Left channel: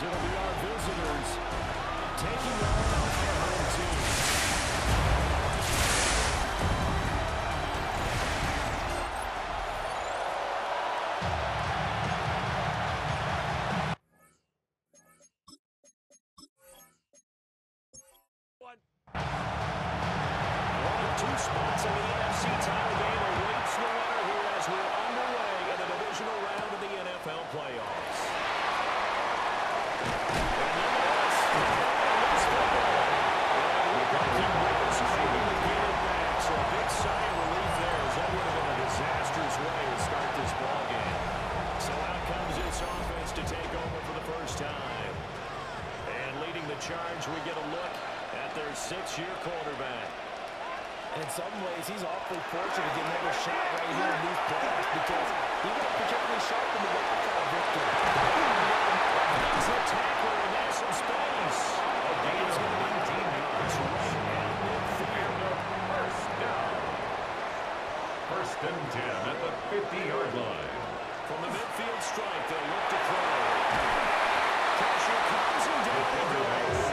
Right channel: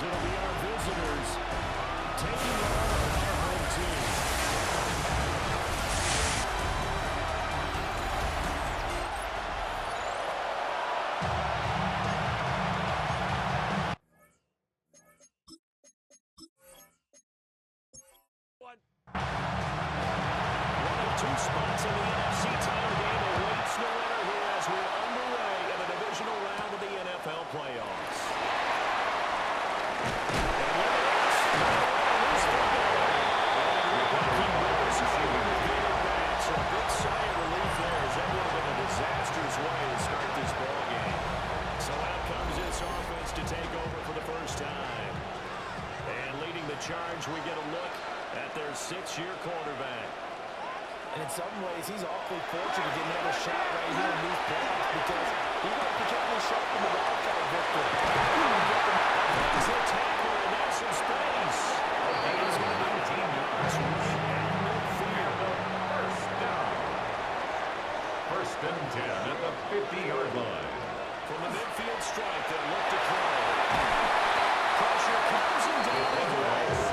as it'll be our visitors taking on our home team. One of two spots in the NFC title game awaits the winner here as we're underway in the divisional round of the NFL playoffs. And look at this. Loose football. And it looked like he was able to get it back. So a big sigh of relief there, as that would have been a disastrous way to start this ball game. So out comes this offense to take over for the first time. And leading the charge, we get a look at their 6-year quarterback. And in some ways, he's awfully fortunate to get another shot right here in these playoffs because he wasn't particularly sharp in the wild card victory. He's a tackler, and there's some space. A gain is going to be 19 yards right at midfield. First down. First and 10 at the 50-yard line. From the midfield strike, they'll look to throw. Pressure comes and down he goes.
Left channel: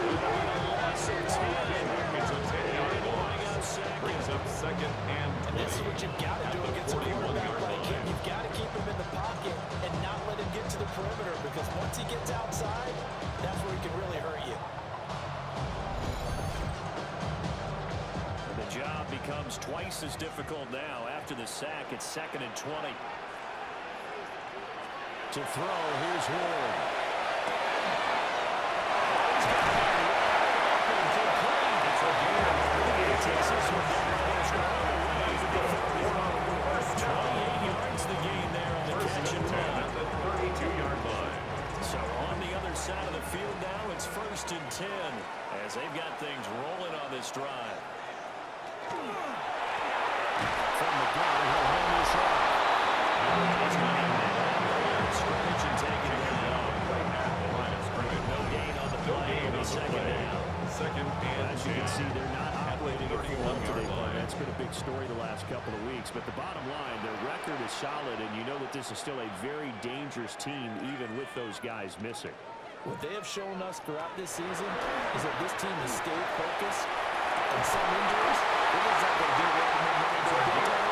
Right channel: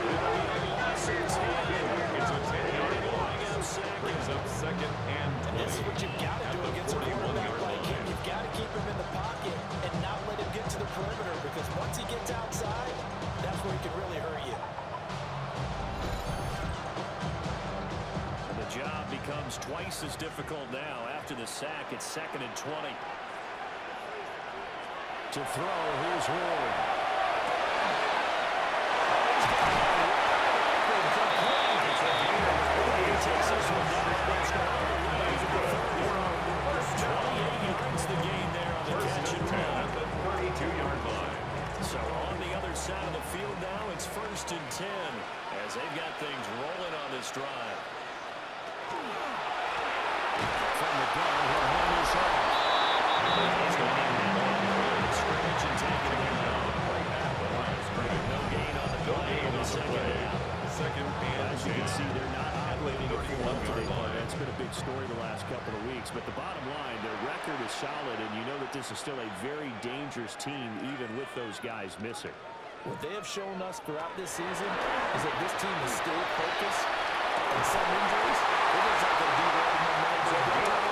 It'll be a loss of 10. It's a 10-yard loss. Brings up second and 20. And this is what you've got to do against a quarterback like him. You've got to keep him in the pocket and not let him get to the perimeter because once he gets outside, that's where he can really hurt you. And the job becomes twice as difficult now. After the sack, it's second and 20. To throw, here's Ward. Oh, he's got that wide open, complete. It's a gain of 40. He takes this one down almost all the way to the 30. 28 yards the gain there on the catch and run. At the 32-yard line. So on the other side of the field now, it's first and 10 as they've got things rolling on this drive. From the gun, he'll hand this off. He's going to net out the line of scrimmage and take it down. Right at the line of scrimmage. No gain on the play on the second down. Second and As you can see, they're not operating at full up today. That's been a big story the last couple of weeks. But the bottom line, their record is solid, and you know that this is still a very dangerous team, even with those guys missing. What they have shown us throughout this season is that this team has stayed focused. And some injuries, it is like they'll be ready no matter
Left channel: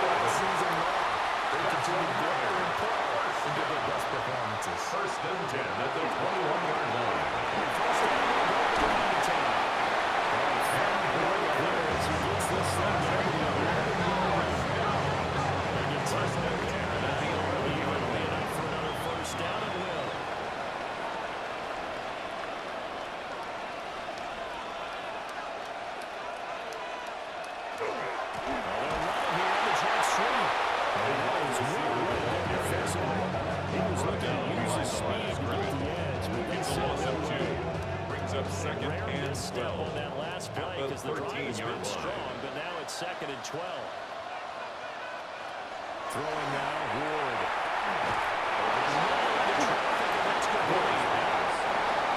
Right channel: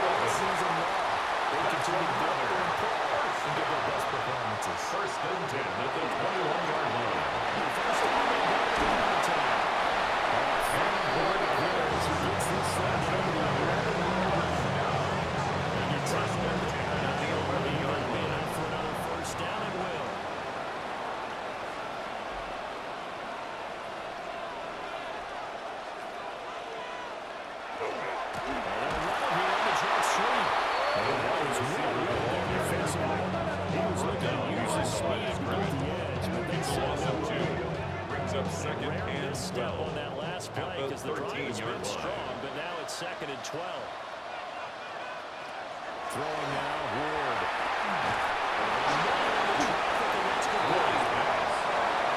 what the season long. They continue to go there and play and give their best performances. First and 10 at the 21-yard line. First and 10. And Ward here as he gets this thing down to the 11-yard line. They get first and 10 at the 11-yard line. Up for another first down and will. They'll run it here on the jet sweep. And that is well right there defensively. He was looking to use his speed to get the edge, but they said no. Brings up second and 12 on that last play because the drive has been line. strong, but now it's second and 12. Throwing now, Ward. Over the middle of the traffic, and that's complete.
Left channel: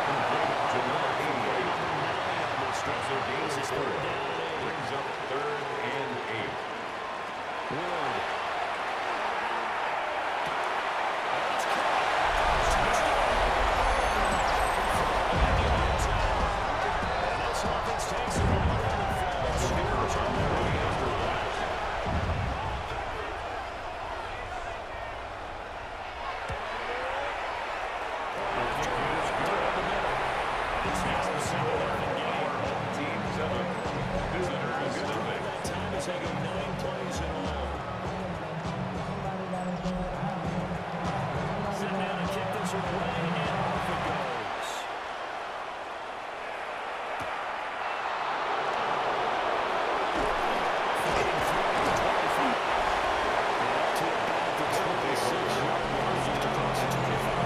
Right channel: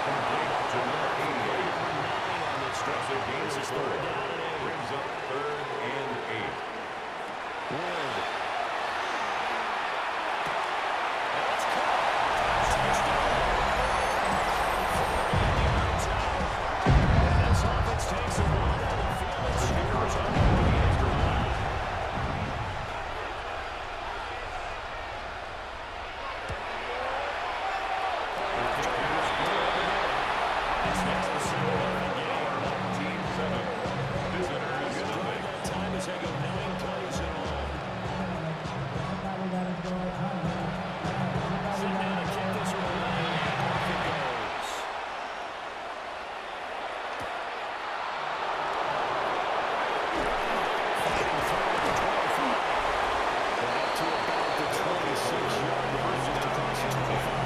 Complete to number 88. Number 9 on this drive. This is third down and 8. Brings up third and 8. Ward. That's caught. Touchdown. And this offense takes the ball down the field and scores on the way after one. It's now a 7-0 game. Team 7. Visitors nothing. That time as they go 9 plays in all. Sitting down to kick this away, and off it goes. Fighting through at the 25. And up to about the 26-yard line, just across the 25.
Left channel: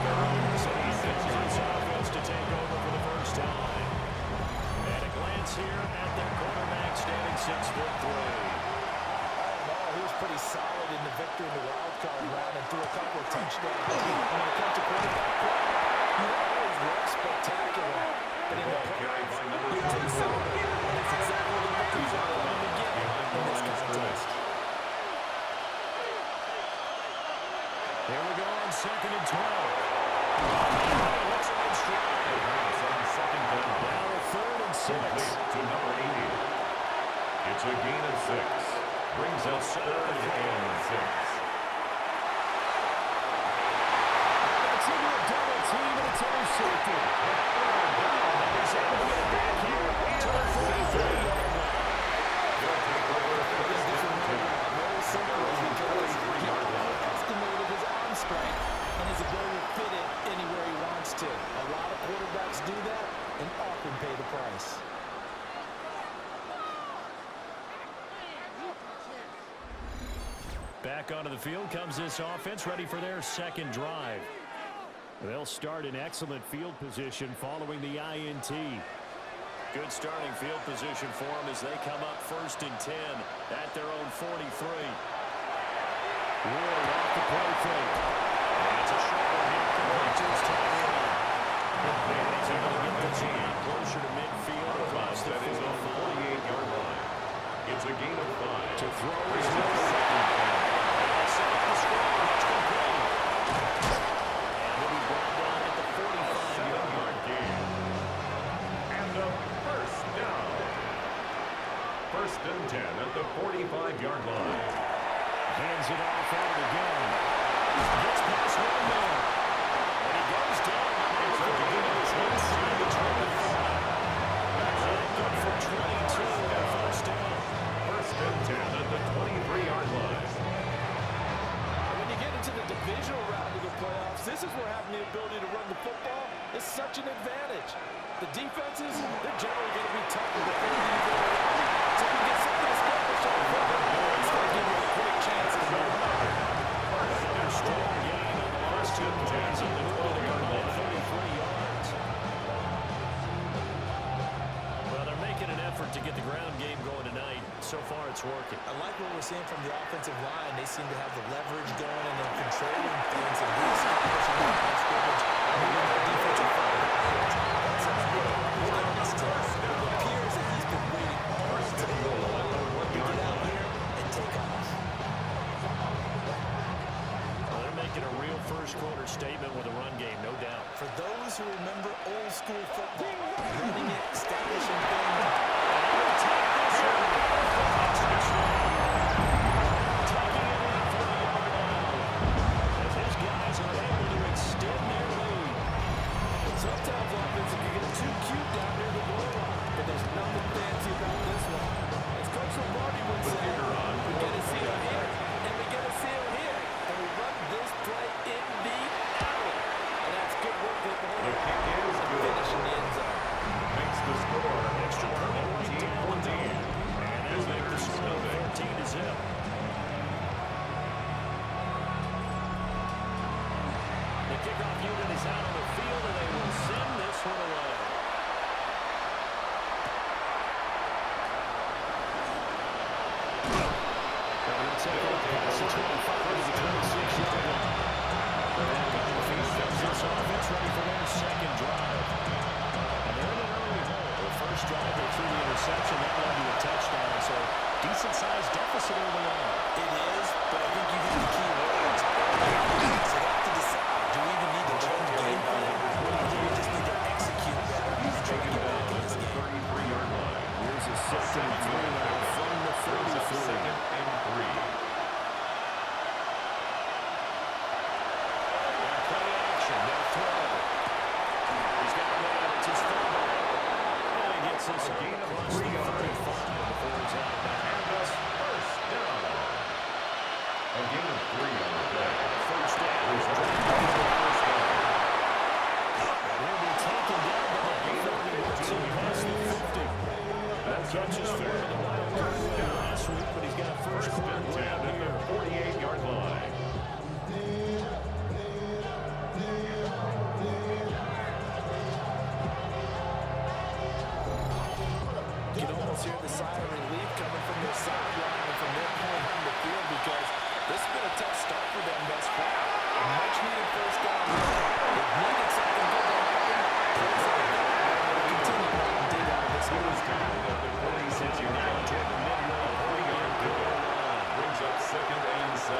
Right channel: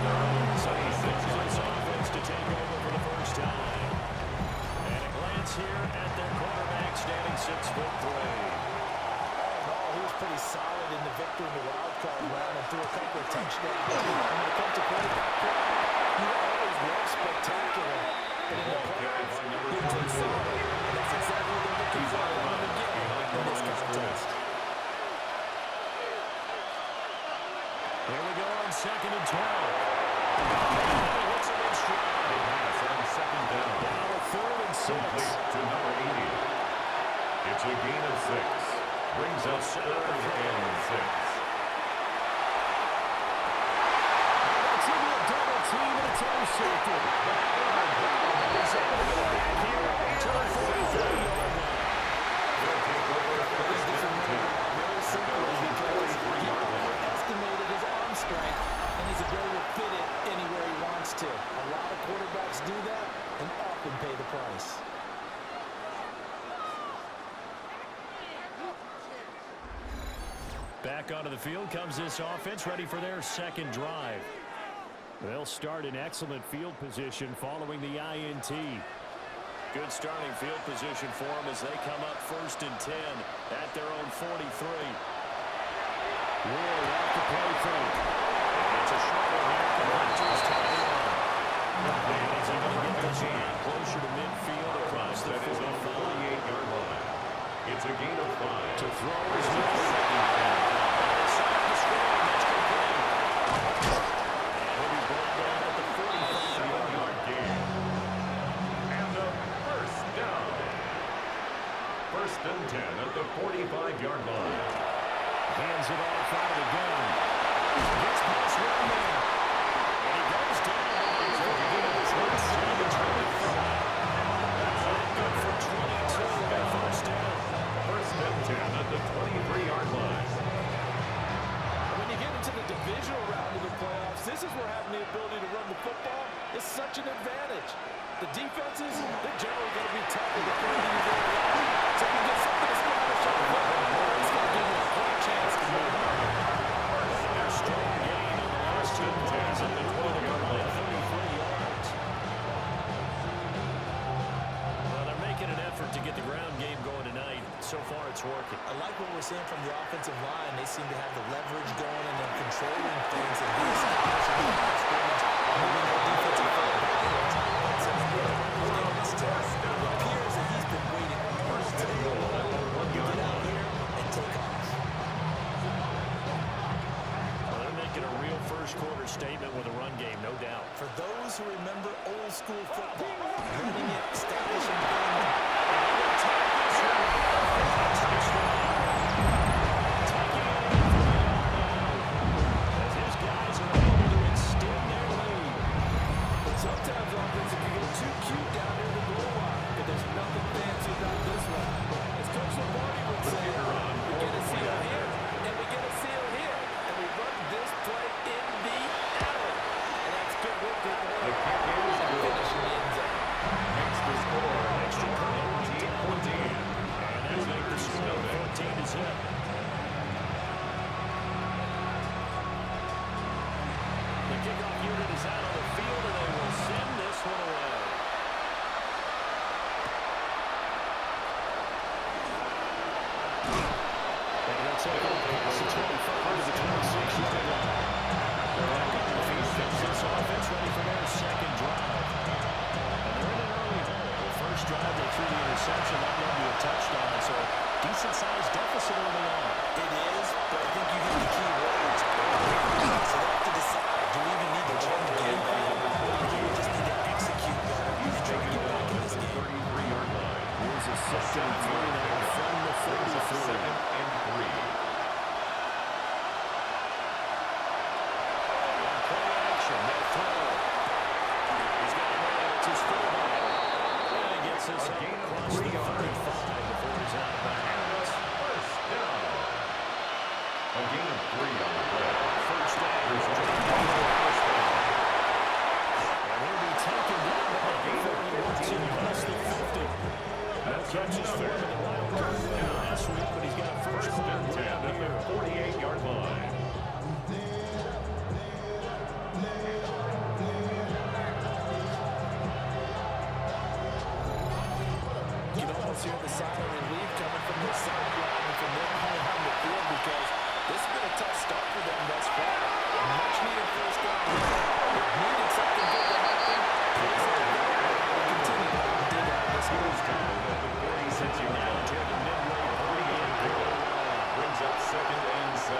Their own So he 26 sends yards. this offense to take over for the first time. And a glance here at their quarterback, standing 6'3". He was pretty solid in the victory in the wild card round and threw a couple of touchdowns. And when it comes to quarterback play, you always work spectacular. But in the playoffs, you take solid. And that's exactly what they're looking for from him again in this contest. Here we go on second and 12. And he hits him in stride. Pass on second down. Now a 3rd and 6. Complete to number 80. It's a gain of 6. Brings up 3rd and 6. That's into a double team, and it's intercepted. He's able to get it back here to the 43-yard line. They'll take over first and 10. Very simple because he estimated his arm strength and his ability to fit it anywhere he wants to. A lot of quarterbacks do that and often pay the price. Back onto the field comes this offense, ready for their second drive. They'll start in excellent field position following the INT. Good starting field position for them as they come up 1st and 10 at their own 43. Ward off the play fake. And it's a short one here. Collector's tied in. And he's able to get this one closer to midfield across the 48-yard line. It's a gain of 5. To throw Brings is up second down. And it's off the screen. That's complete. And he'll be brought down at the 45-yard line. 7-yard gain. And a first down. 1st and 10 at the 45-yard line. Hands it off out of the gun. Gets past one there. And he goes down. It's a gain of 25. That's good for 22 and first down. 1st and 10 at the 23-yard line. When you get into the divisional round of the playoffs, this is where having the ability to run the football is such an advantage. The defenses, they're generally going to be tough with the further you go around. So if you get something established on the football, it's going to give you a great chance to move on. Another strong gain on the last 2 plays at the 12-yard line, 33 yards. Well, they're making an effort to get the ground game going tonight. So far, it's working. I like what we're seeing from the offensive line. They seem to have the leverage going and they're controlling things and reestablishing the line of scrimmage on the defensive front. That's a good this test. It appears that he's been waiting all day long to get out here and take off. Well, they're making a real first-quarter statement with a run game, no doubt. For those who remember old-school football, running it, establishing things, taking it in for the yard now as his guys are able to extend their lead. sometimes offense can get too cute down near the goal line, but there's nothing fancy about this one. As Coach Lombardi would say, we get a seal here, and we get a seal here, and we run this play in the alley. And that's good work to hit the hole. The kick is good. Finish in the end zone. Makes the score Extra point right down the 14-14. And they'll make the score 14-0. The kickoff unit is out on the field, and they will send this one away. And they'll take on past the 25 to the 26-yard line. They're back on the field. This offense ready for their second drive. And they're in an early hole. The first drive, they threw the interception. That led to a touchdown. So decent-sized deficit early on. It is, but I think you hit the key words early on. So they have to decide, do we even need to change the game plan, or do we just need to execute better and try to get back in this game? 33-yard line. Here's a second and 3 now from the 33. Second and 3. On play action, they'll throw. He's got a man, it's his fullback. And he gets this up across the 35 before he's out of bounds. First down. A gain of 3 on the play. First down. First down. And he'll be taken down, but not before he works in past the 50. No catches for him in the wild card last week, but he's got a first quarter grab at the here. 48-yard line. You can almost hear the sigh of relief coming from their sideline and from their point on the field because this has been a tough start for them thus far. A much-needed first down there. It needed something good to happen. Plays like that will continue to dig out of this He was tackled at the 46-yard line. Toward the midway, 40-yard pickup. Brings up second and 7.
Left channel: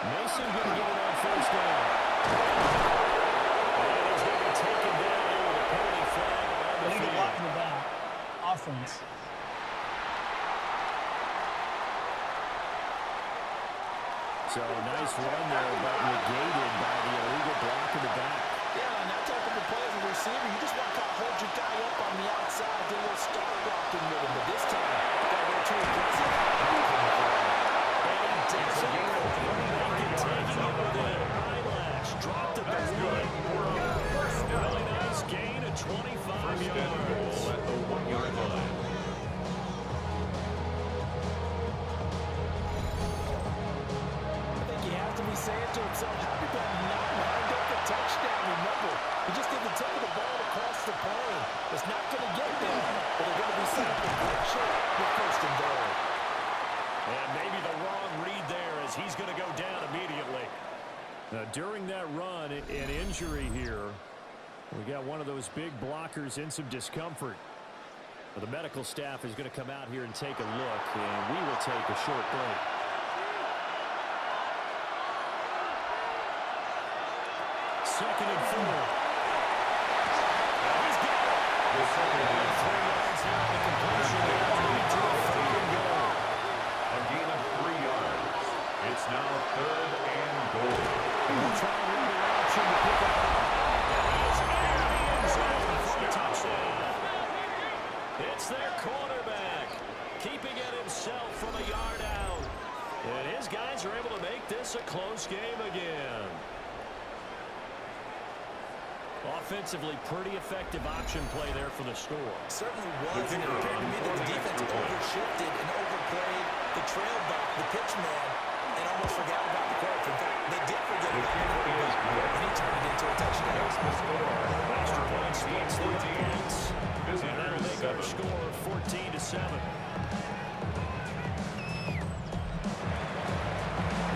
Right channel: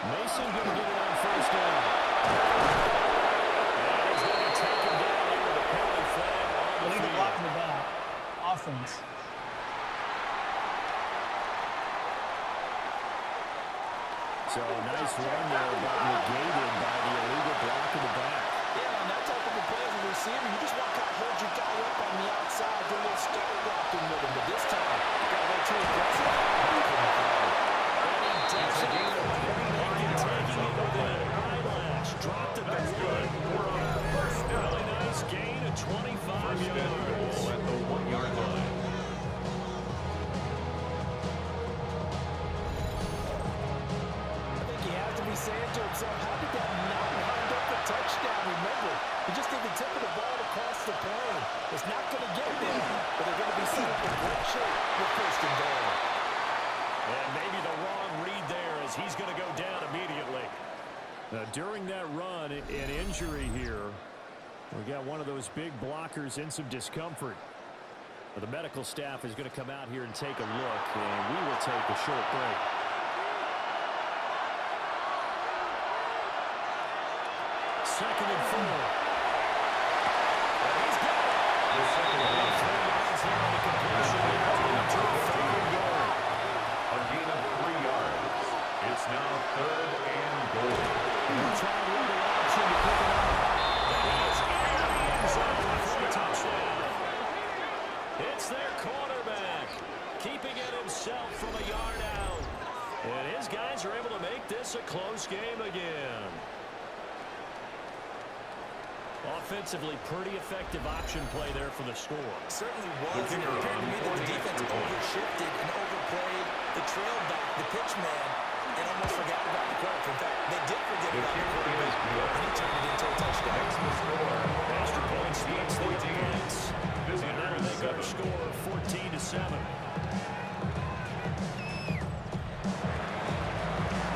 Mason going to get it on first down. And he's going to be taken down here with a penalty flag on the field. Block in the back. Offense. So nice run there, but negated by the illegal block in the back. Yeah, on that type of a play as a receiver, you just want to kind of hold your guy up on the outside, do a little start blocking with him. But this time, got a little too aggressive. And he does it. Taking it with an eyelash. Dropped it. That's good. Really nice gain of 25 First yards. and goal at the 1-yard line. To be saying to himself, how did that not wind up a touchdown? Remember, he just did the tip of the ball across the plane. It's not going to get there, but they're going to be set up in great shape with first and goal. And maybe the wrong read there as he's going to go down immediately. Now, during that run, an injury here. We got one of those big blockers in some discomfort. Well, the medical staff is going to come out here and take a look, and we will take a short break. Second and 4. He's got it. The second down. 3 yards there on the completion. To a third and goal. A gain of 3 yards. It's now third and goal. We'll try and run the option to pick it up. And he is into the end zone for a touchdown. It's their quarterback, keeping it himself from a yard out. And his guys are able to make this a close game again. Offensively, pretty effective option play there for the score. Certainly was, and it appeared to me that the defense overshifted and overplayed the trail back, the pitch man, and almost forgot about the quarterback. In fact, they did forget about the quarterback, and he turned it into a touchdown. Makes the score. Extra point splits the points, and that'll make our score 14-7.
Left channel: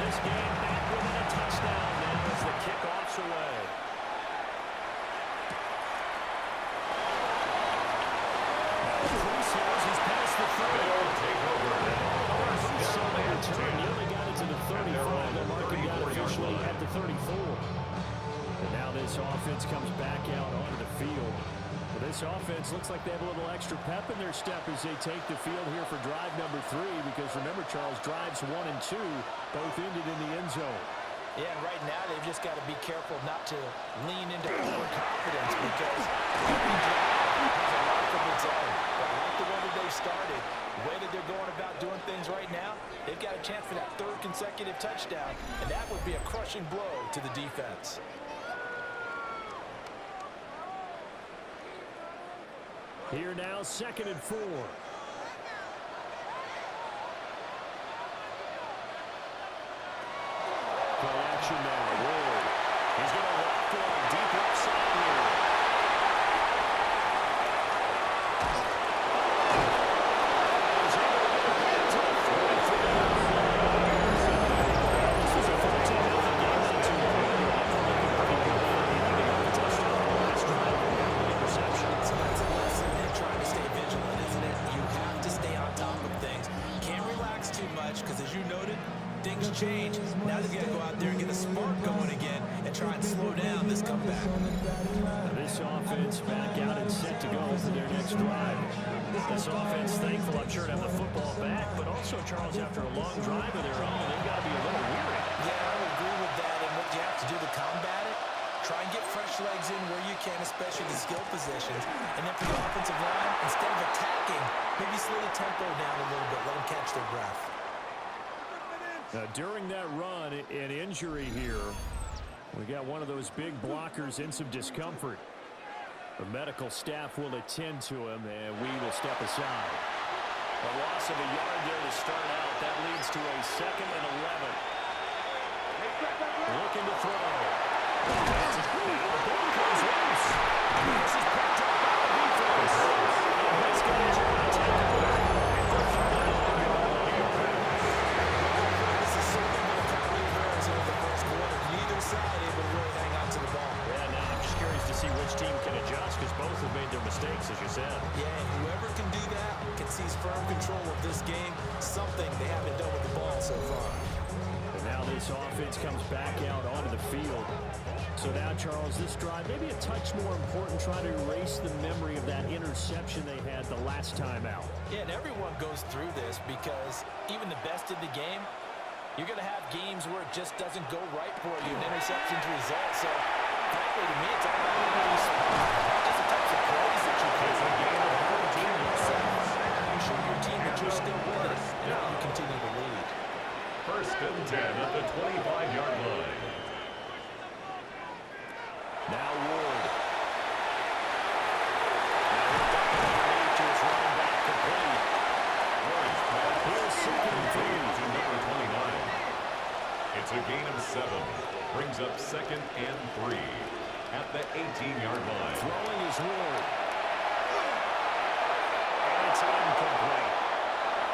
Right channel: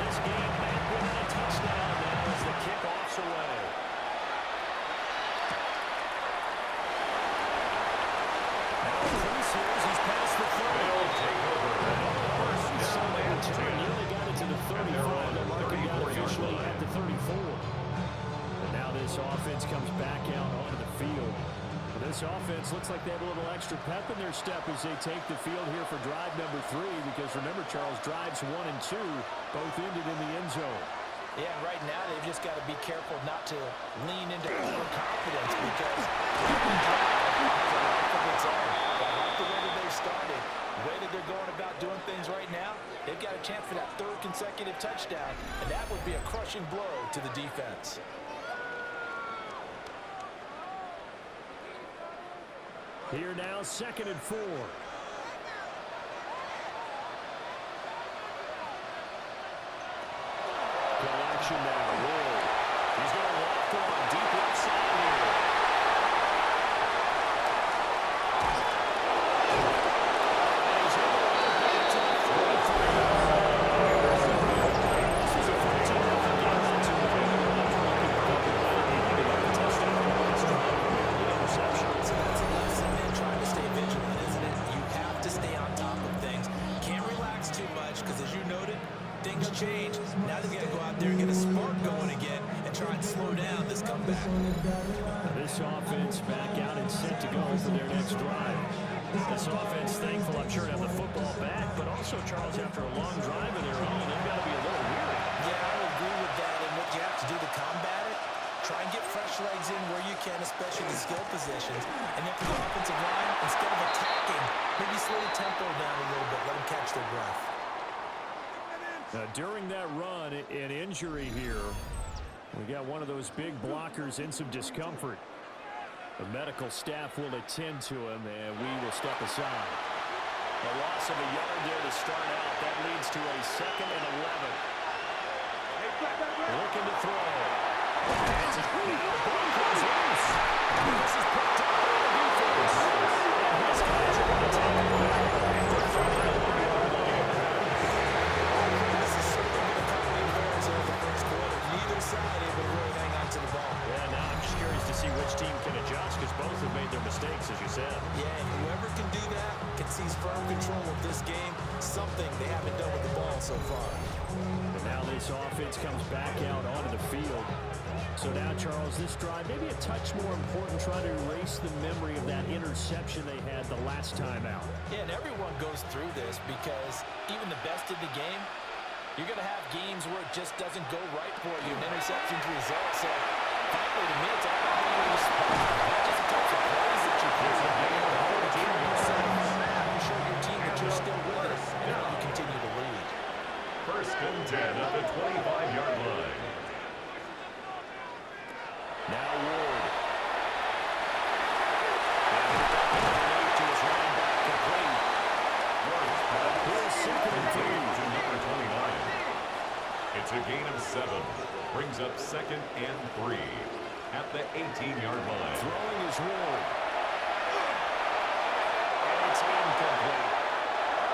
This game back within a touchdown now as the kickoff's away. He's past the 30. They'll take over. First down and 10. Nearly got it to the 35. They're marking down officially at the 34. And now this offense comes back out onto the field. Well, this offense looks like they have a little extra pep in their step as they take the field here for drive number 3. Because remember, Charles, drives 1 and 2 both ended in the end zone. Yeah, and right now they've just got to be careful not to lean into overconfidence because every drive has a life of its own. But I like the way that they've started, the way that they're going about doing things right now. They've got a chance for that 3rd consecutive touchdown, and that would be a crushing blow to the defense. Here now, 2nd and 4. Play action now. Ward. He's going to loft one deep left side here. And he's able to get it back to the 43. This was a 14-0 game not too long ago. They got the touchdown on the last drive. The interception. So that's a lesson in trying to stay vigilant, isn't it? You have to stay on top of things. Can't relax too much because, as you noted, things change. Now they've got to go out there and get a spark going again and try and slow down this comeback. Now this offense back out and set to go for their next drive. This offense thankful, I'm sure, to have the football back, but also, Charles, after a long drive of their own, they've got to be a little weary. Yeah, I would agree with that. And what you have to do to combat it, try and get fresh legs in where you can, especially the skill positions. And then for the offensive line, instead of attacking, maybe slow the tempo down a little bit, let them catch their breath. During that run, an injury here. We got one of those big blockers in some discomfort. The medical staff will attend to him, and we will step aside. A loss of a yard there to start out. That leads to a 2nd and 11. Looking to throw. Now the ball comes loose. This is picked up by the defense. And his guys are going to take it away. Neither side able to really hang on to the ball. Yeah, now I'm just curious to see which team can adjust because both have made their mistakes, as you said. Yeah, and whoever can do that can seize firm control of this game, something they haven't done with the ball so far. And Now this offense comes back out onto the field. So now, Charles, this drive maybe a touch more important, trying to erase the memory of that interception they had the last time out. Yeah, and everyone goes through this because even the best in the game, you're going to have games where it just doesn't go right for you, and interceptions result. So, frankly, to me, it's all about how you respond, not just the types of plays that you play. It's a game of how you 14 carry yourself, yards. how you show your team that you're still with it, and how you continue to lead. First and 10 at the 25-yard line. Now Ward. Now he'll back underneath to his running back, complete. Ward's pass. Here's second and three. To number 29. It's a gain of 7. Brings up second and 3 at the 18-yard line. Throwing is Ward. And it's incomplete.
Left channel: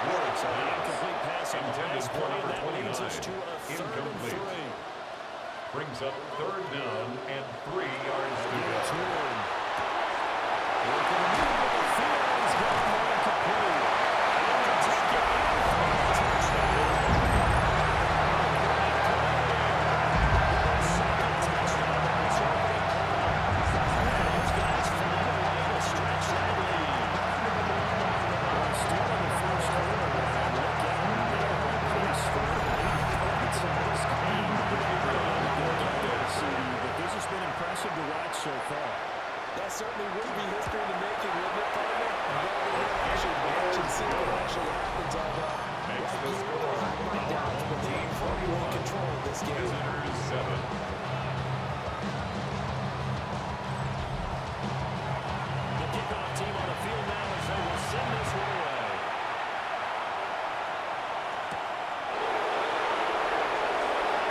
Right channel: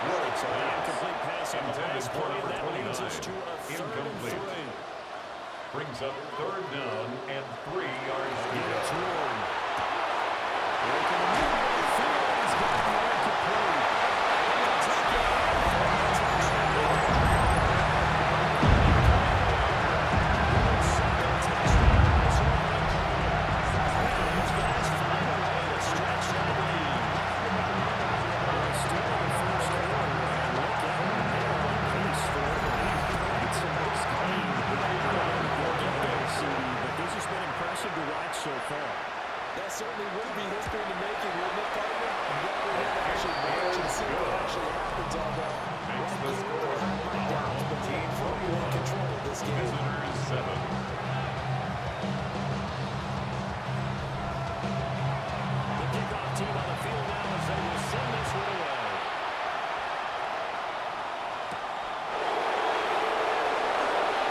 Ward's So the pass. incomplete pass on the Intended last for play, number and that 29. leads us to a third and Incomplete. 3. Brings up third down and 3 yards to Again, it's go. Ward. Working the middle of the field. He's got the incomplete. And he'll take it in for a touchdown. With a second touchdown in this opening quarter. Those guys find a way to stretch that lead. Well, still in the first quarter, and look at them. They are on pace for 80 points in this game. We'll get there, CD, but this has been impressive to watch so far. That certainly would be history in the making, wouldn't it, partner? I'm glad we're here to actually watch and see what actually happens, although Makes right the here, score. I have my doubts, but Team they're firmly in 41. control of this game. Visitors 7. The kickoff team on the field now as they will send this one away.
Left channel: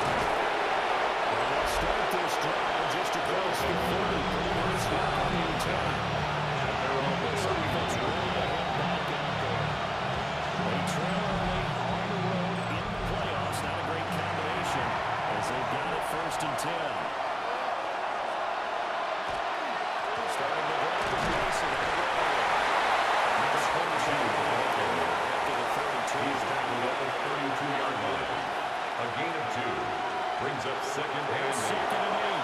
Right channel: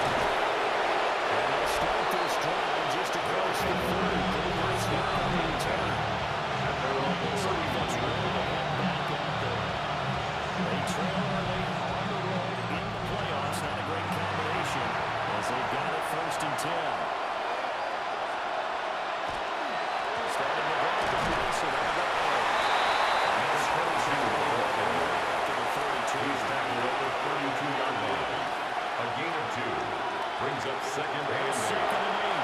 And they'll start this drive just across the 30. Pretty much not on the return. At their own This defense ready to head back out there. They trail early on the road in the playoffs. Not a great combination as they've got it first and 10. Starting the drive with Mason on the ground. Number 22. After the 32. He's tackled at the 32-yard line. A gain of 2. Brings up second and 8. Second and 8.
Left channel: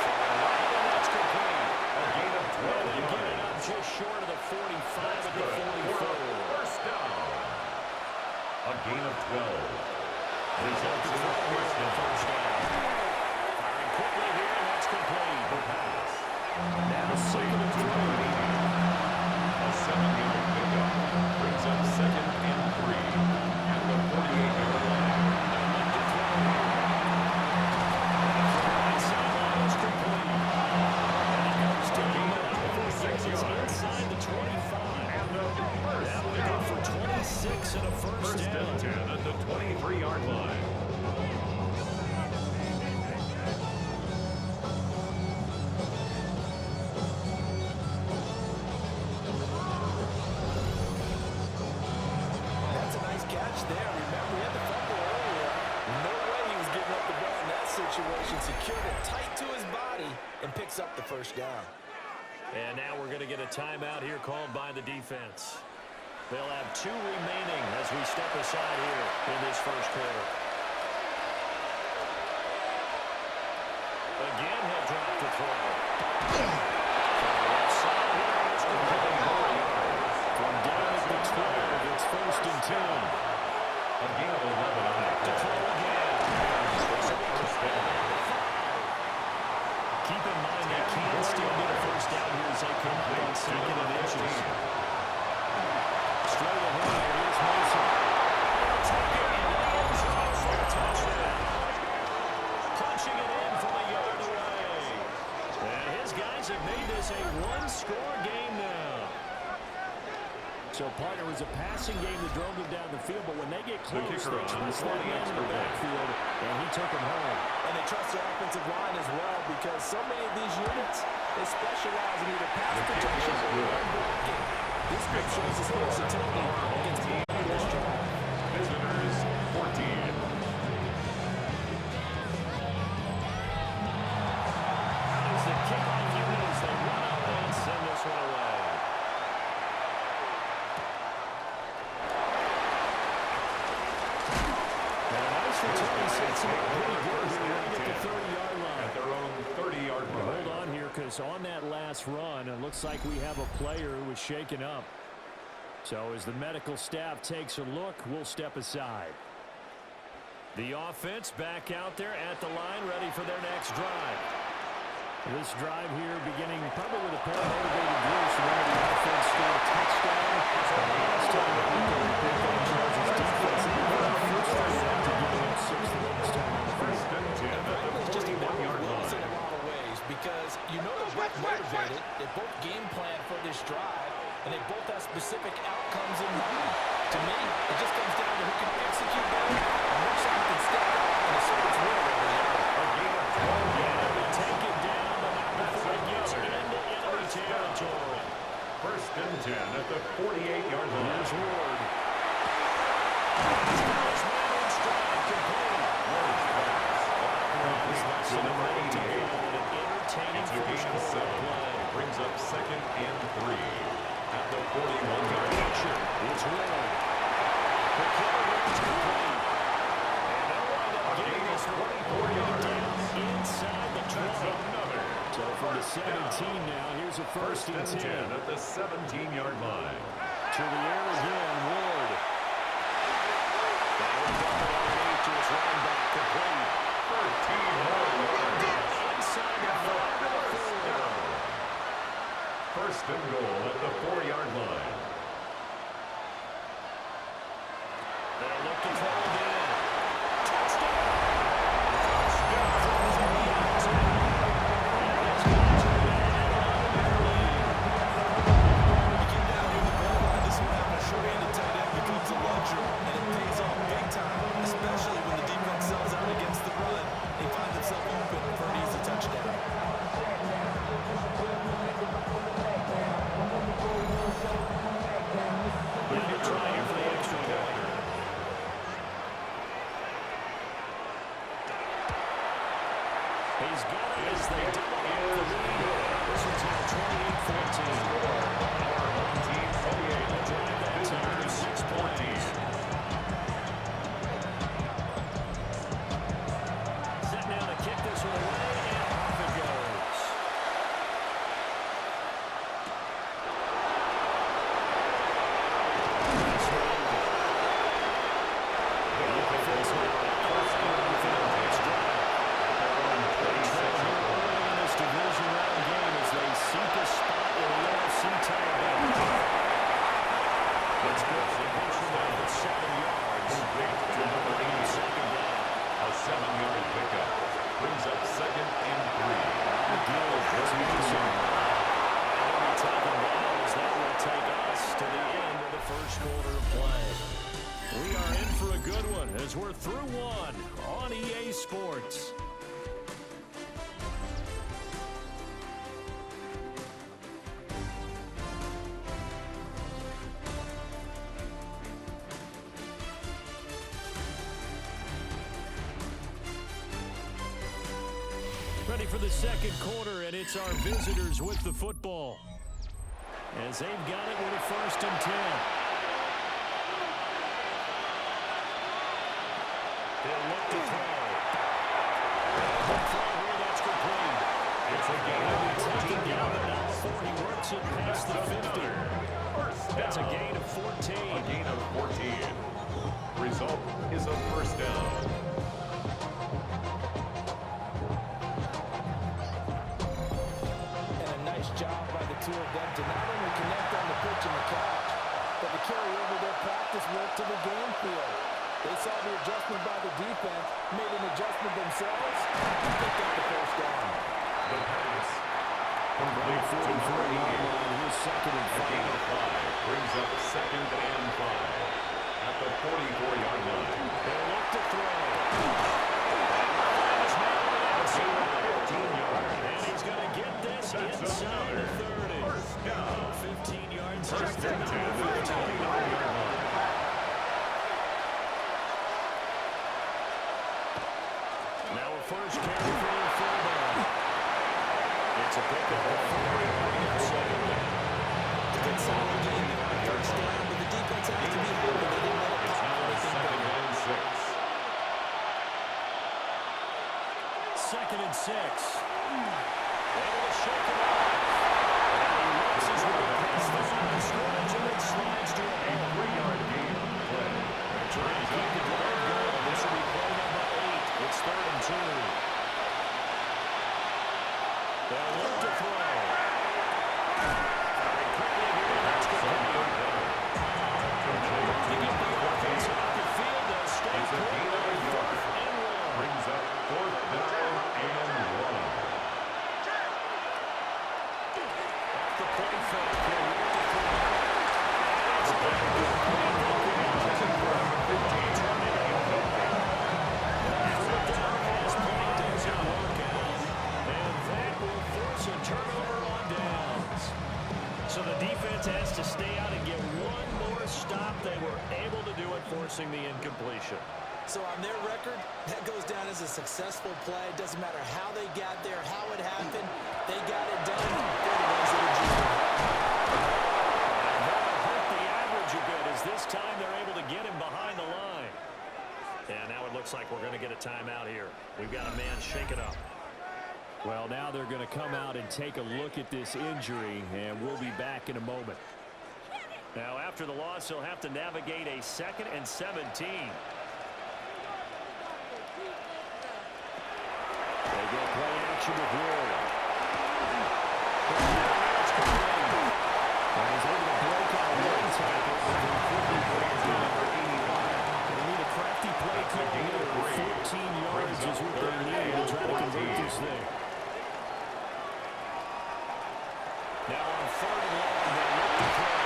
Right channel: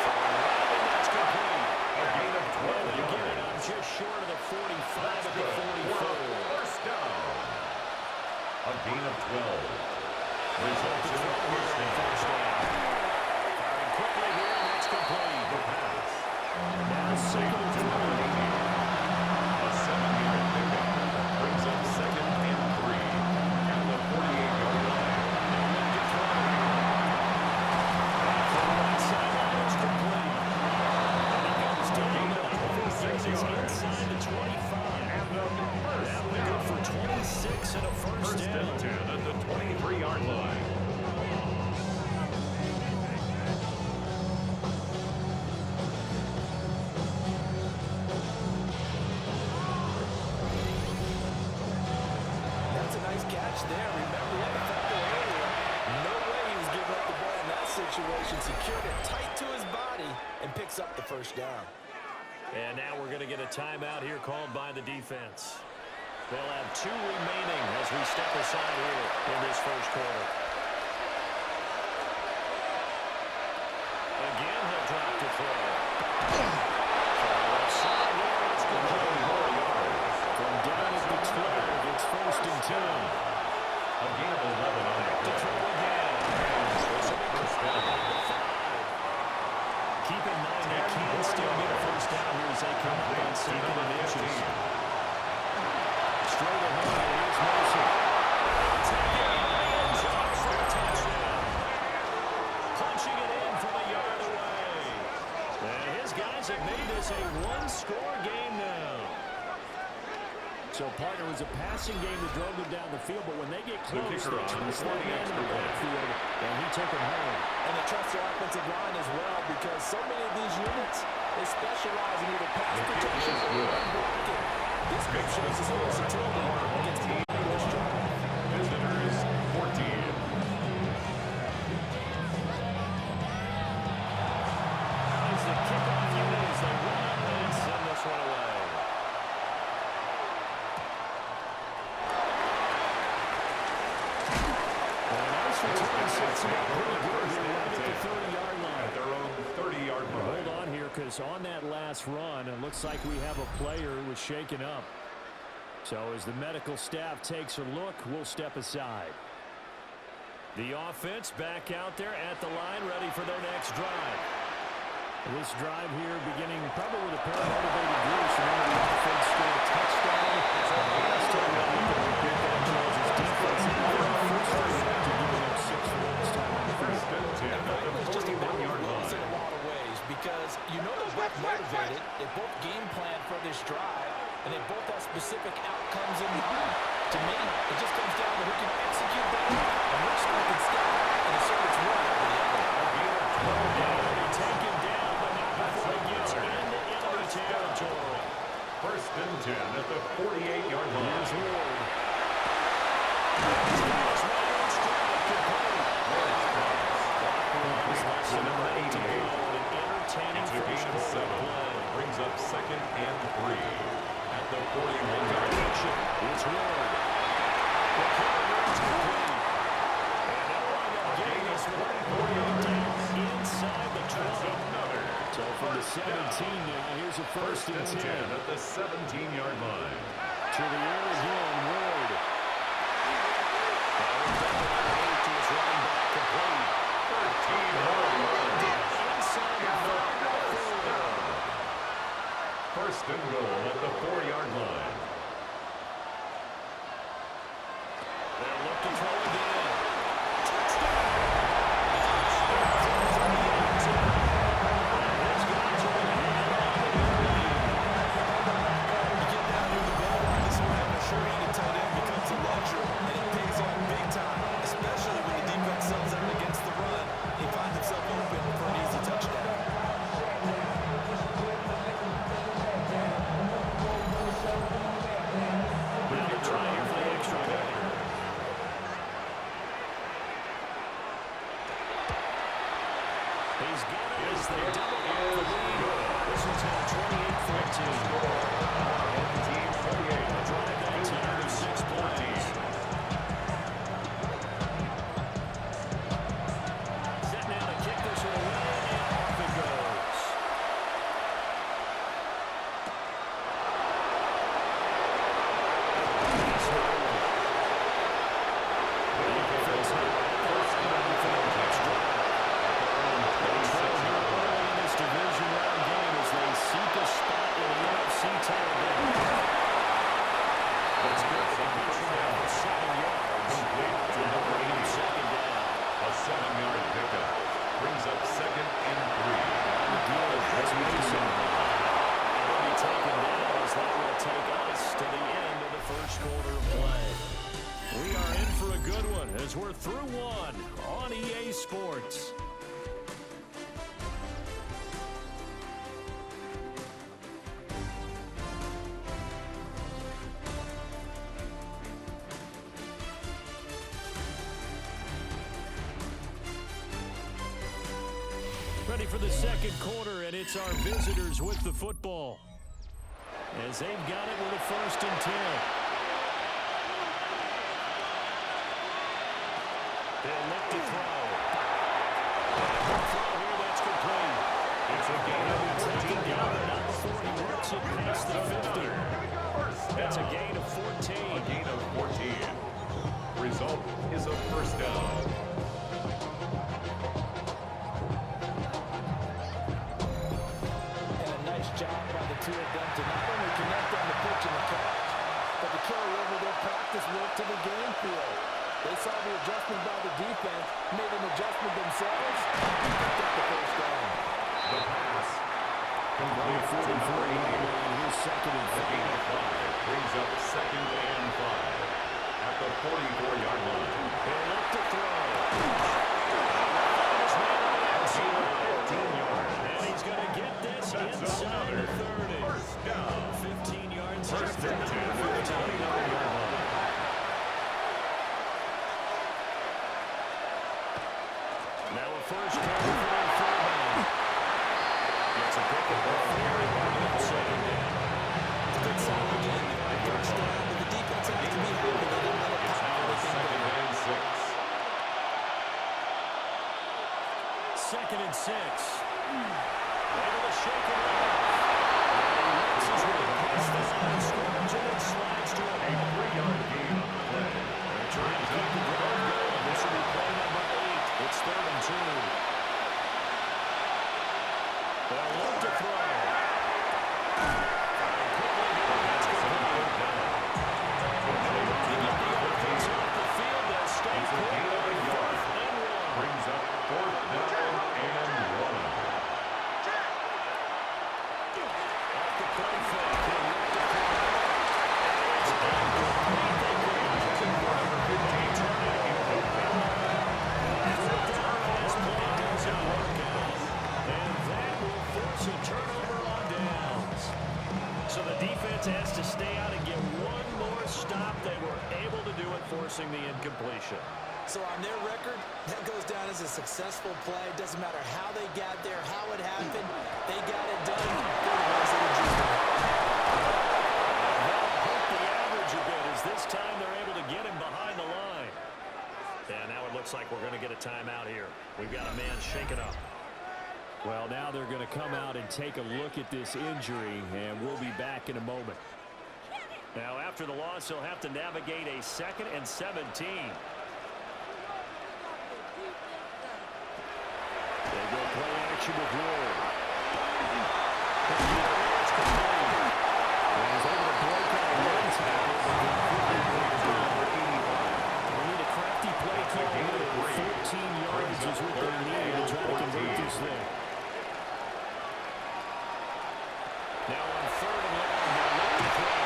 Throwing right, and that's complete. A gain of 12 Well, they get it yards. up just short of the 45 That's at the good. 44. First down. A gain of 12. Results in a first down. Firing quickly here, and that's complete. The pass. Now second and To number 3. 80. A 7-yard pickup. Brings up second and 3 at the 48-yard line. They'll look to throw here. And from the right sideline is complete. And he goes down gain the of line. 26 He's yards. inside the 25. And the first That'll be good for 26 and a first First down. and 10 at the 23-yard line. That's a nice catch there. Remember, he had the fumble earlier. No way he was giving up the ball in that situation. Secured it tight to his body and picks up the first down. And now we're going to get a timeout here called by the defense. They'll have 2 remaining as we step aside here in this first quarter. Again, he'll drop to throw. From the left side here, it's complete. 4 yards. From down at the 12, it's first and 10. A gain of 11 on that To play. throw again. First down. Keep in mind they can still get a first down here as they come up on second and inches. Straight ahead, here's Mason. He'll take it into the end zone for a touchdown. Punching it in from a yard away. And his guys have made this a one-score game now. So, partner, it was a passing game that drove them down the field, but when they get close, kicker they on trust for that the man in extra the point. backfield, and he took him home. And they trust their offensive line as well because so many of these units, they specialize in either pass The kick protection is or good. run blocking. This group Makes shows the his score versatility our home against team the this 1. drive. Visitors 14. Out is the kickoff unit as they run up and send this one away. this return sets them up pretty good here right at the 30-yard line. At their own 30-yard line. Hold on here, because on that last run, it looks like we have a player who was shaken up. So as the medical staff takes a look, we'll step aside. The offense back out there at the line, ready for their next drive. This drive here beginning probably with a pair of motivated groups. Remember, the offense scored a touchdown. Last time we looked at repeat that, Charles' defense frustrated after giving up 6 the last time on the field. First and 10 at the 41-yard line. In a lot of ways, because you know they're both motivated. They both game plan for this drive, and they both have specific outcomes in mind. To me, it just comes down to who can execute better and which side can step up and assert its will over the other. A gain of 12 yards. They take it down, but not before it gets into enemy territory. First and 10 at the 48-yard line. Here's Ward. He's got his man on stride, complete. Ward's pass. Complete to number 88. An entertaining It's a gain of 7. Brings up second and 3 at the 41-yard line. It's Ward. The carry is complete. And they'll wind up getting this 24 yards inside the 20. That's another. So from the 17 now, here's a first and 10. At the 17-yard line. To the air again, Ward. And we'll dump it underneath to his running back, complete. 13 more yards. Inside the 5. First and goal at the 4-yard line. They'll look to throw again. Touchdown! Sure-handed tight end becomes a luxury, and it pays off big time, especially when the defense sells out against the run. He finds himself open for an easy touchdown. Now the try here for the extra point. He's got it as they double up the lead. This one's now 28-14. Our home team 28. A drive that time of 6 points. Set now to kick this one away, and off it goes. The offense now at the first down for the next drive. In this division round game as they seek a spot in the NFC title game. That's good. They push from there for 7 yards. And now bringing him second down. A 7-yard pickup. Brings up second and 3. That's Mason. And he'll be taken down as that will take us to the end of the first quarter of play. We are in for a good one as we're through one on EA Sports. Ready for the second quarter, and it's our visitors with the football. As they've got it with a first and 10. They'll look to throw. And throw here, that's complete. It's a gain of 14 yards. Not before he works it past the 50. That's a gain of 14. A gain of 14. Result is a first down. And a nice job by the two of them to not only connect on the pitch and the catch, but to carry over their practice work to the game field. They saw the adjustment by the defense, made an adjustment themselves, and picked up the first down. The pass. Complete to number 88. Here's second and 5. A gain of 5 brings up second and 5 at the 44-yard line. They'll look to throw. Find his man on the outside. 15 yards. And he's going to get this That's inside another the 30. first down. 15 yards. First and 10 at the 29-yard line. Now a first carry for their fullback. It's a pickup of 40 on second down. It's a good solid game there on first down, but the defense has to be happy they didn't let it It's pop now anything second big. and 6. 2nd and 6. Able to shake it off. And he works his way past the line of scrimmage and then slides to a 3-yard gain on the play. They're trying to keep the drive going. This will be play number 8. It's 3rd and 2. They'll look to throw. Very quickly here, and that's good. Looking at the offense off the field, they'll stay put. 4th and 1. Brings up 4th down and 1. Off the play fake, he'll look to throw. And it's incomplete. Number 15. Turn it incomplete. 4th down pass play doesn't work out. And that will force a turnover on downs. So the defense has to stay out and get one more stop. They were able to do it, forcing the incompletion. So on their record, that goes down as a successful play. It doesn't matter how they got there, how it happened. They got it done. They're the ones that are juicing. And that'll hurt the average a bit, as this time they're able to get him behind the line. And now it looks like we're going to get a timeout here. We've got a man shaken up. Well, now they're going to come out and take a look at this injury, and we'll be back in a moment. Now, after the loss, he'll have to navigate a 2nd and 17. They go play action with Ward. It's complete. And he's able to break out one tackle, but then quickly break down number 85. They need a crafty play call here. 14 yards is what they need to try to convert this thing. Now on 3rd and long, they'll look to throw.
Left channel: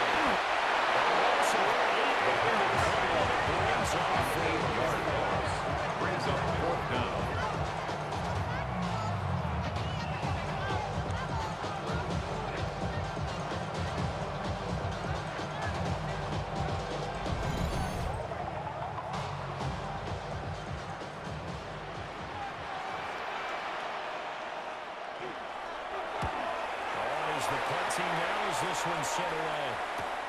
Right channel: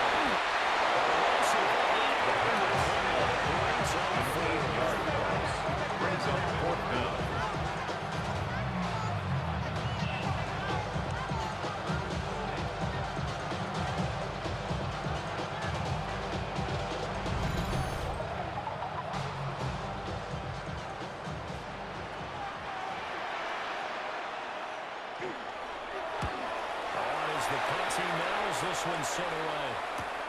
A loss of 8 behind the play, and it brings up 4-yard loss. Brings up 4th down. The punt team now as this one's sent away.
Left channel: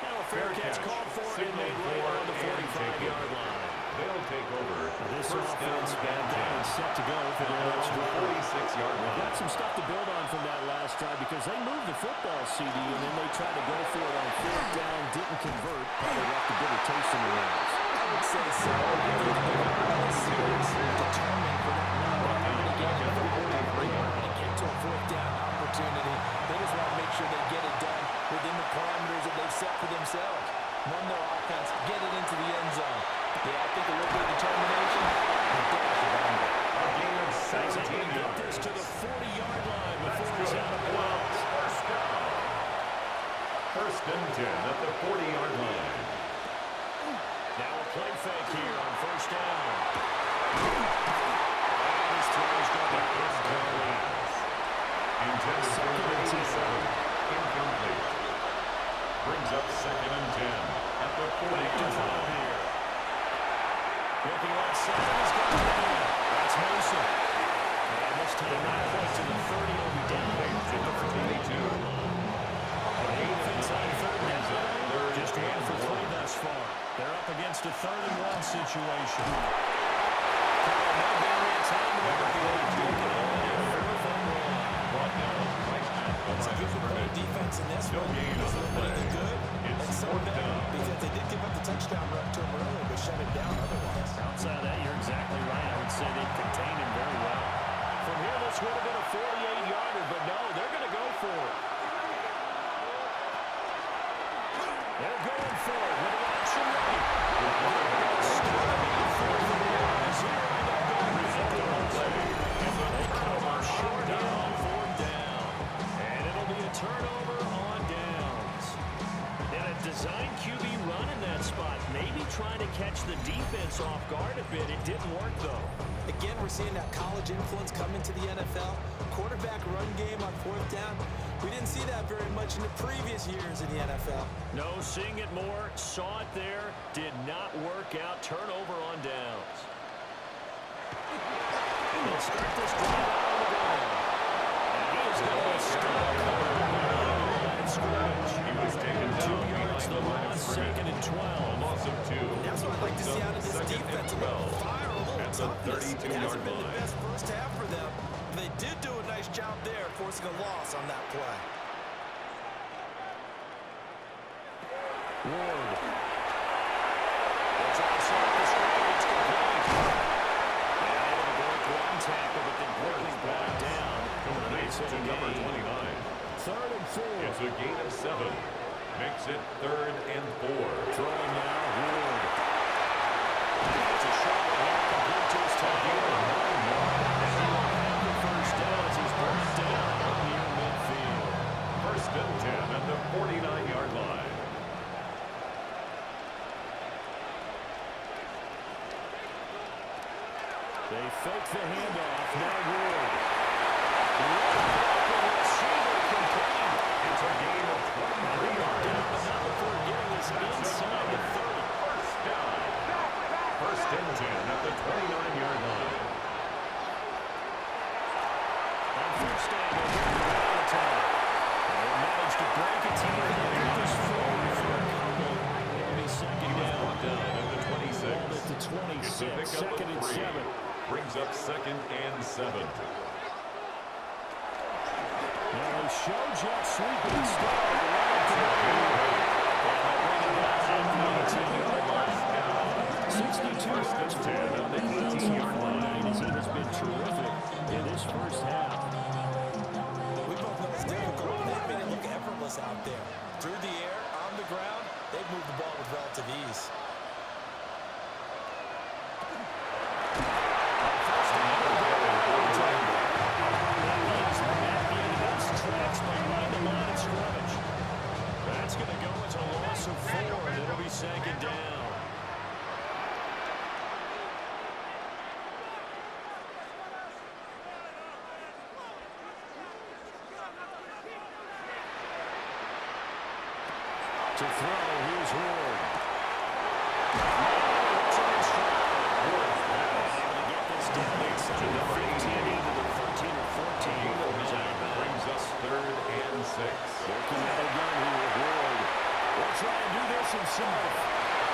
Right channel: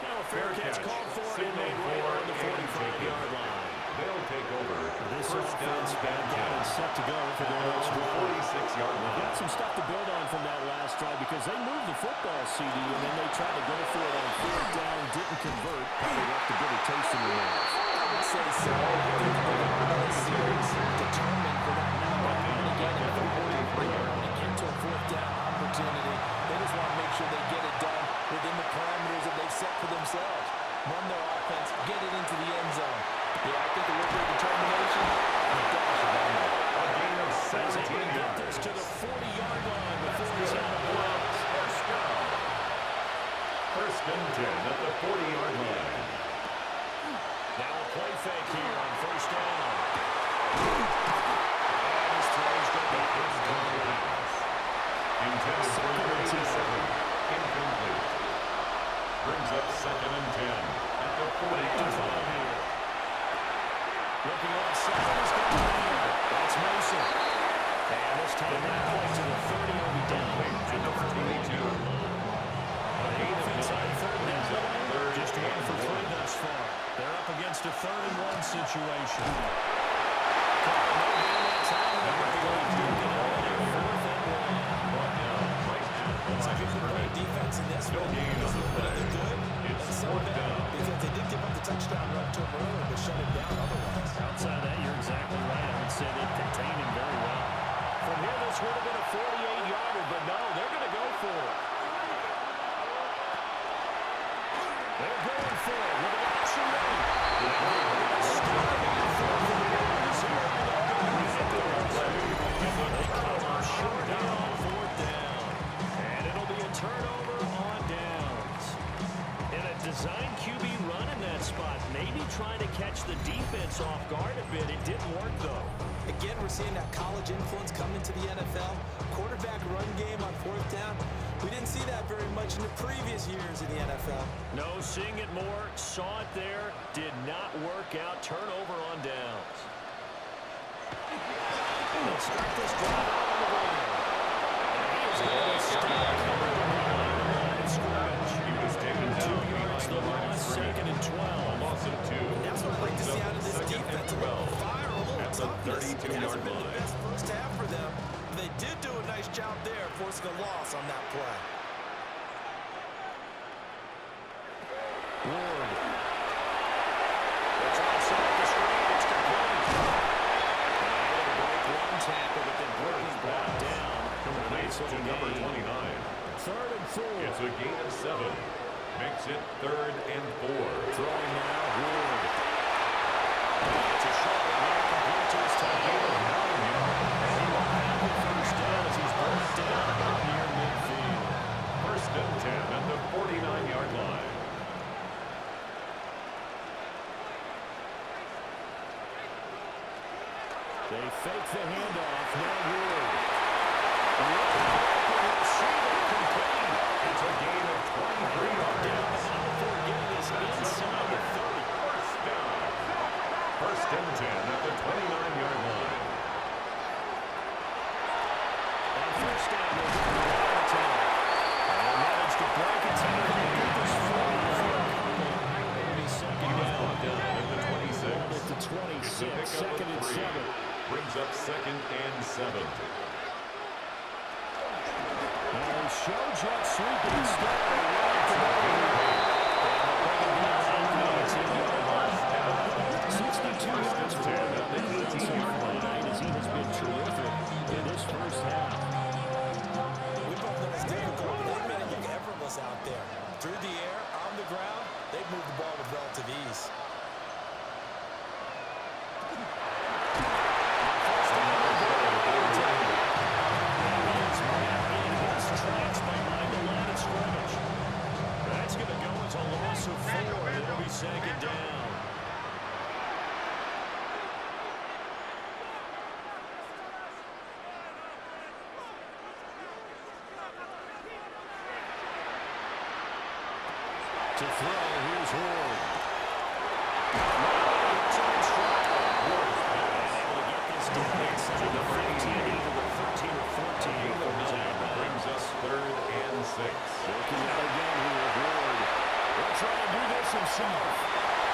Now a fair catch called for and made right on the 45-yard line. They'll take over. This First offense down back down and set to go for their next drive. 46-yard line. Got some stuff to build on from that last drive because they moved the football, CD, and then they tried to go for it on 4th down, didn't convert, probably left a bitter taste in their mouths. I would say so. I think they're serious, determined for that number. They're going to get to a 4th down opportunity. They just want to make sure they get it done within the parameters that they've set for themselves. Run their offense, get it into the end zone. Yeah, I think a little bit of determination and a dash of anger. A gain of 17 He's able to get this to the 40-yard line before he's out of bounds. First down. 1st and 10 at the 40-yard line. Now a play fake here on 1st down. And his throw's going to be incomplete. Intended for 37. Incomplete. Brings up 2nd and 10 at the 40-yard line. Here. Looking outside, he's got a man. That's Mason. And this time not quite to the 30. He'll be down To number 22. A gain of inside 3rd down today. Just 1 for 3 thus far. They're up against a 3rd and 1 situation. No gain that time. Number 42. Looking out there, 4th and 1. Brought down right at the So line if you of can play scrimmage. defense in this No one, gain on the play. really good It's and some 4th bad down. because they did give up the touchdown run to him earlier, but shut him down otherwise. Outside of that, you're exactly right. I would say they contained him very well. From here, this would have been a 48-yarder, but no, they're going to go for it. They're going for it with the option right. They're going to stop him in 4th and 1. As here, I don't go back to the play. They come up short here on 4th down. And it'll be a turnover on downs. In a design QB run in that spot, maybe trying to catch the defense off guard a bit. It didn't work, though. Again, we're seeing that college influence come into the NFL. Quarterback run game on 4th down. We didn't see that very much in the previous years in the NFL. No, seeing it more, saw it there, did not work out. Turnover on downs. They'll start this drive out on the ground. And he is going to be stopped covered behind the line of scrimmage. He was taken down 2 yards, the loss, 2nd and 12. A loss of 2. That's what I'd like to see out of this defense. A little fire, a little toughness. It hasn't been the best first half for them. But they did do a nice job there, forcing a loss on that play. Ward. They'll try and set up the screen. It's complete. And able to break one tackle, but then breaking back down. Complete to number 29. 3rd and 4. It's a gain of 7. Makes it 3rd and 4. Throwing now, Ward. It's a short one here, complete to his tight end. 9 yards. And he will have the first down as he's brought down about near midfield. 1st and 10 at the 49-yard line. They fake the handoff. Now Ward. Open receiver complete. It's a gain of 23 yards. Down, but not before getting this inside the 30. First down. 1st and 10 at the 29-yard line. On first down, they're going to the attack. They managed to break it here. They get this forward for a couple. It'll be second down. At the 26. Ball at the 26. Second and 7. Brings up 2nd and 7. Now they show jet sweep it instead. And they'll bring it down at the 18-yard line. 62 yards for him on the ground so far tonight as he has been terrific in this first half. We both know it's difficult, but they've made it look effortless out there. Through the air, on the ground, they've moved the ball with relative ease. Tracks behind the line of scrimmage. That's going to go as a loss of 4, and it'll be 2nd down. To throw, here's Ward. It's in stride. Ward's pass. Able to get this down inside to number 15, 88. either the 13 or 14 before he's out of bounds. Brings us 3rd and 6. Looking out again here with Ward. He'll try and do this himself.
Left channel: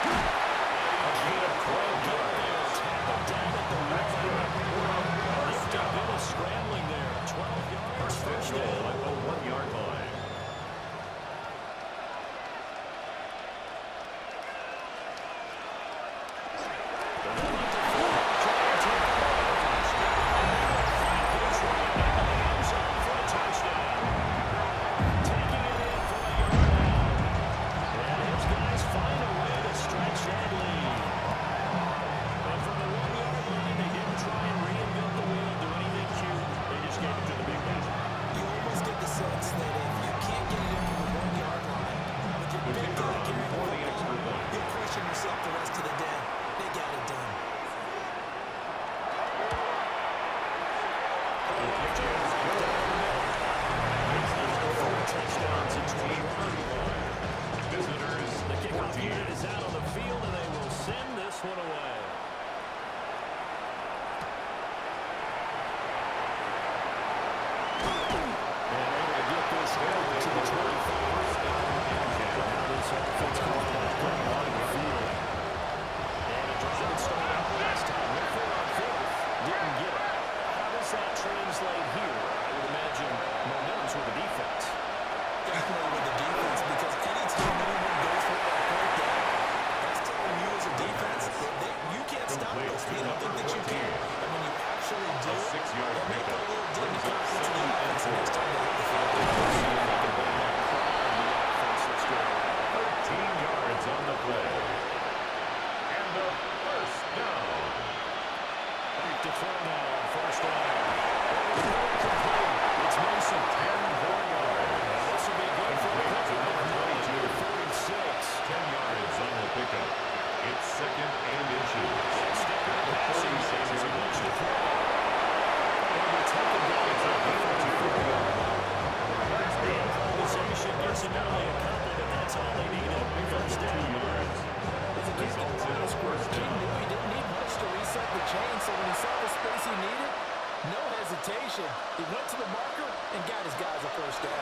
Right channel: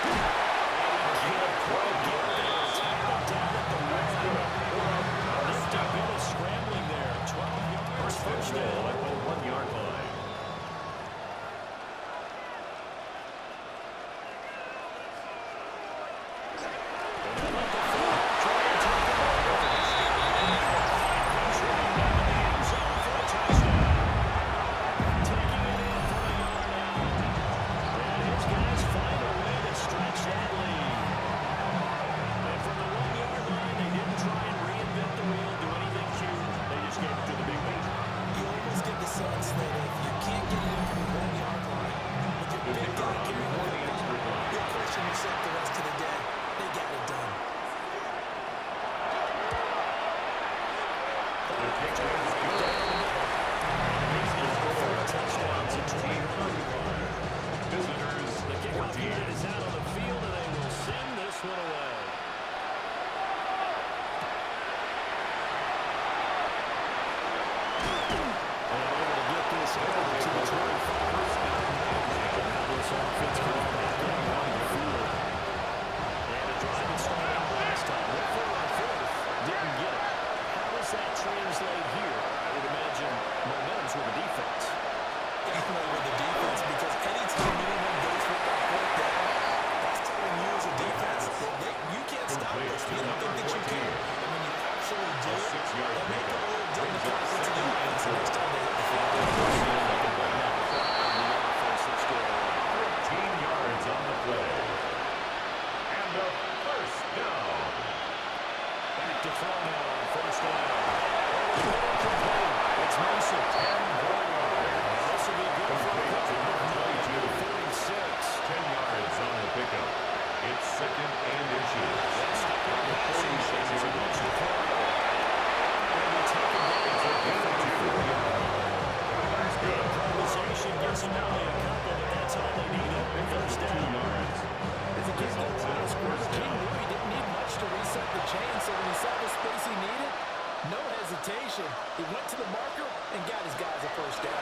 A gain of 12 yards. Tackled down at the line. Nipped a bit of scrambling there. 12 yards. First down at the 1-yard line. He went to the marker and got his guys a first down.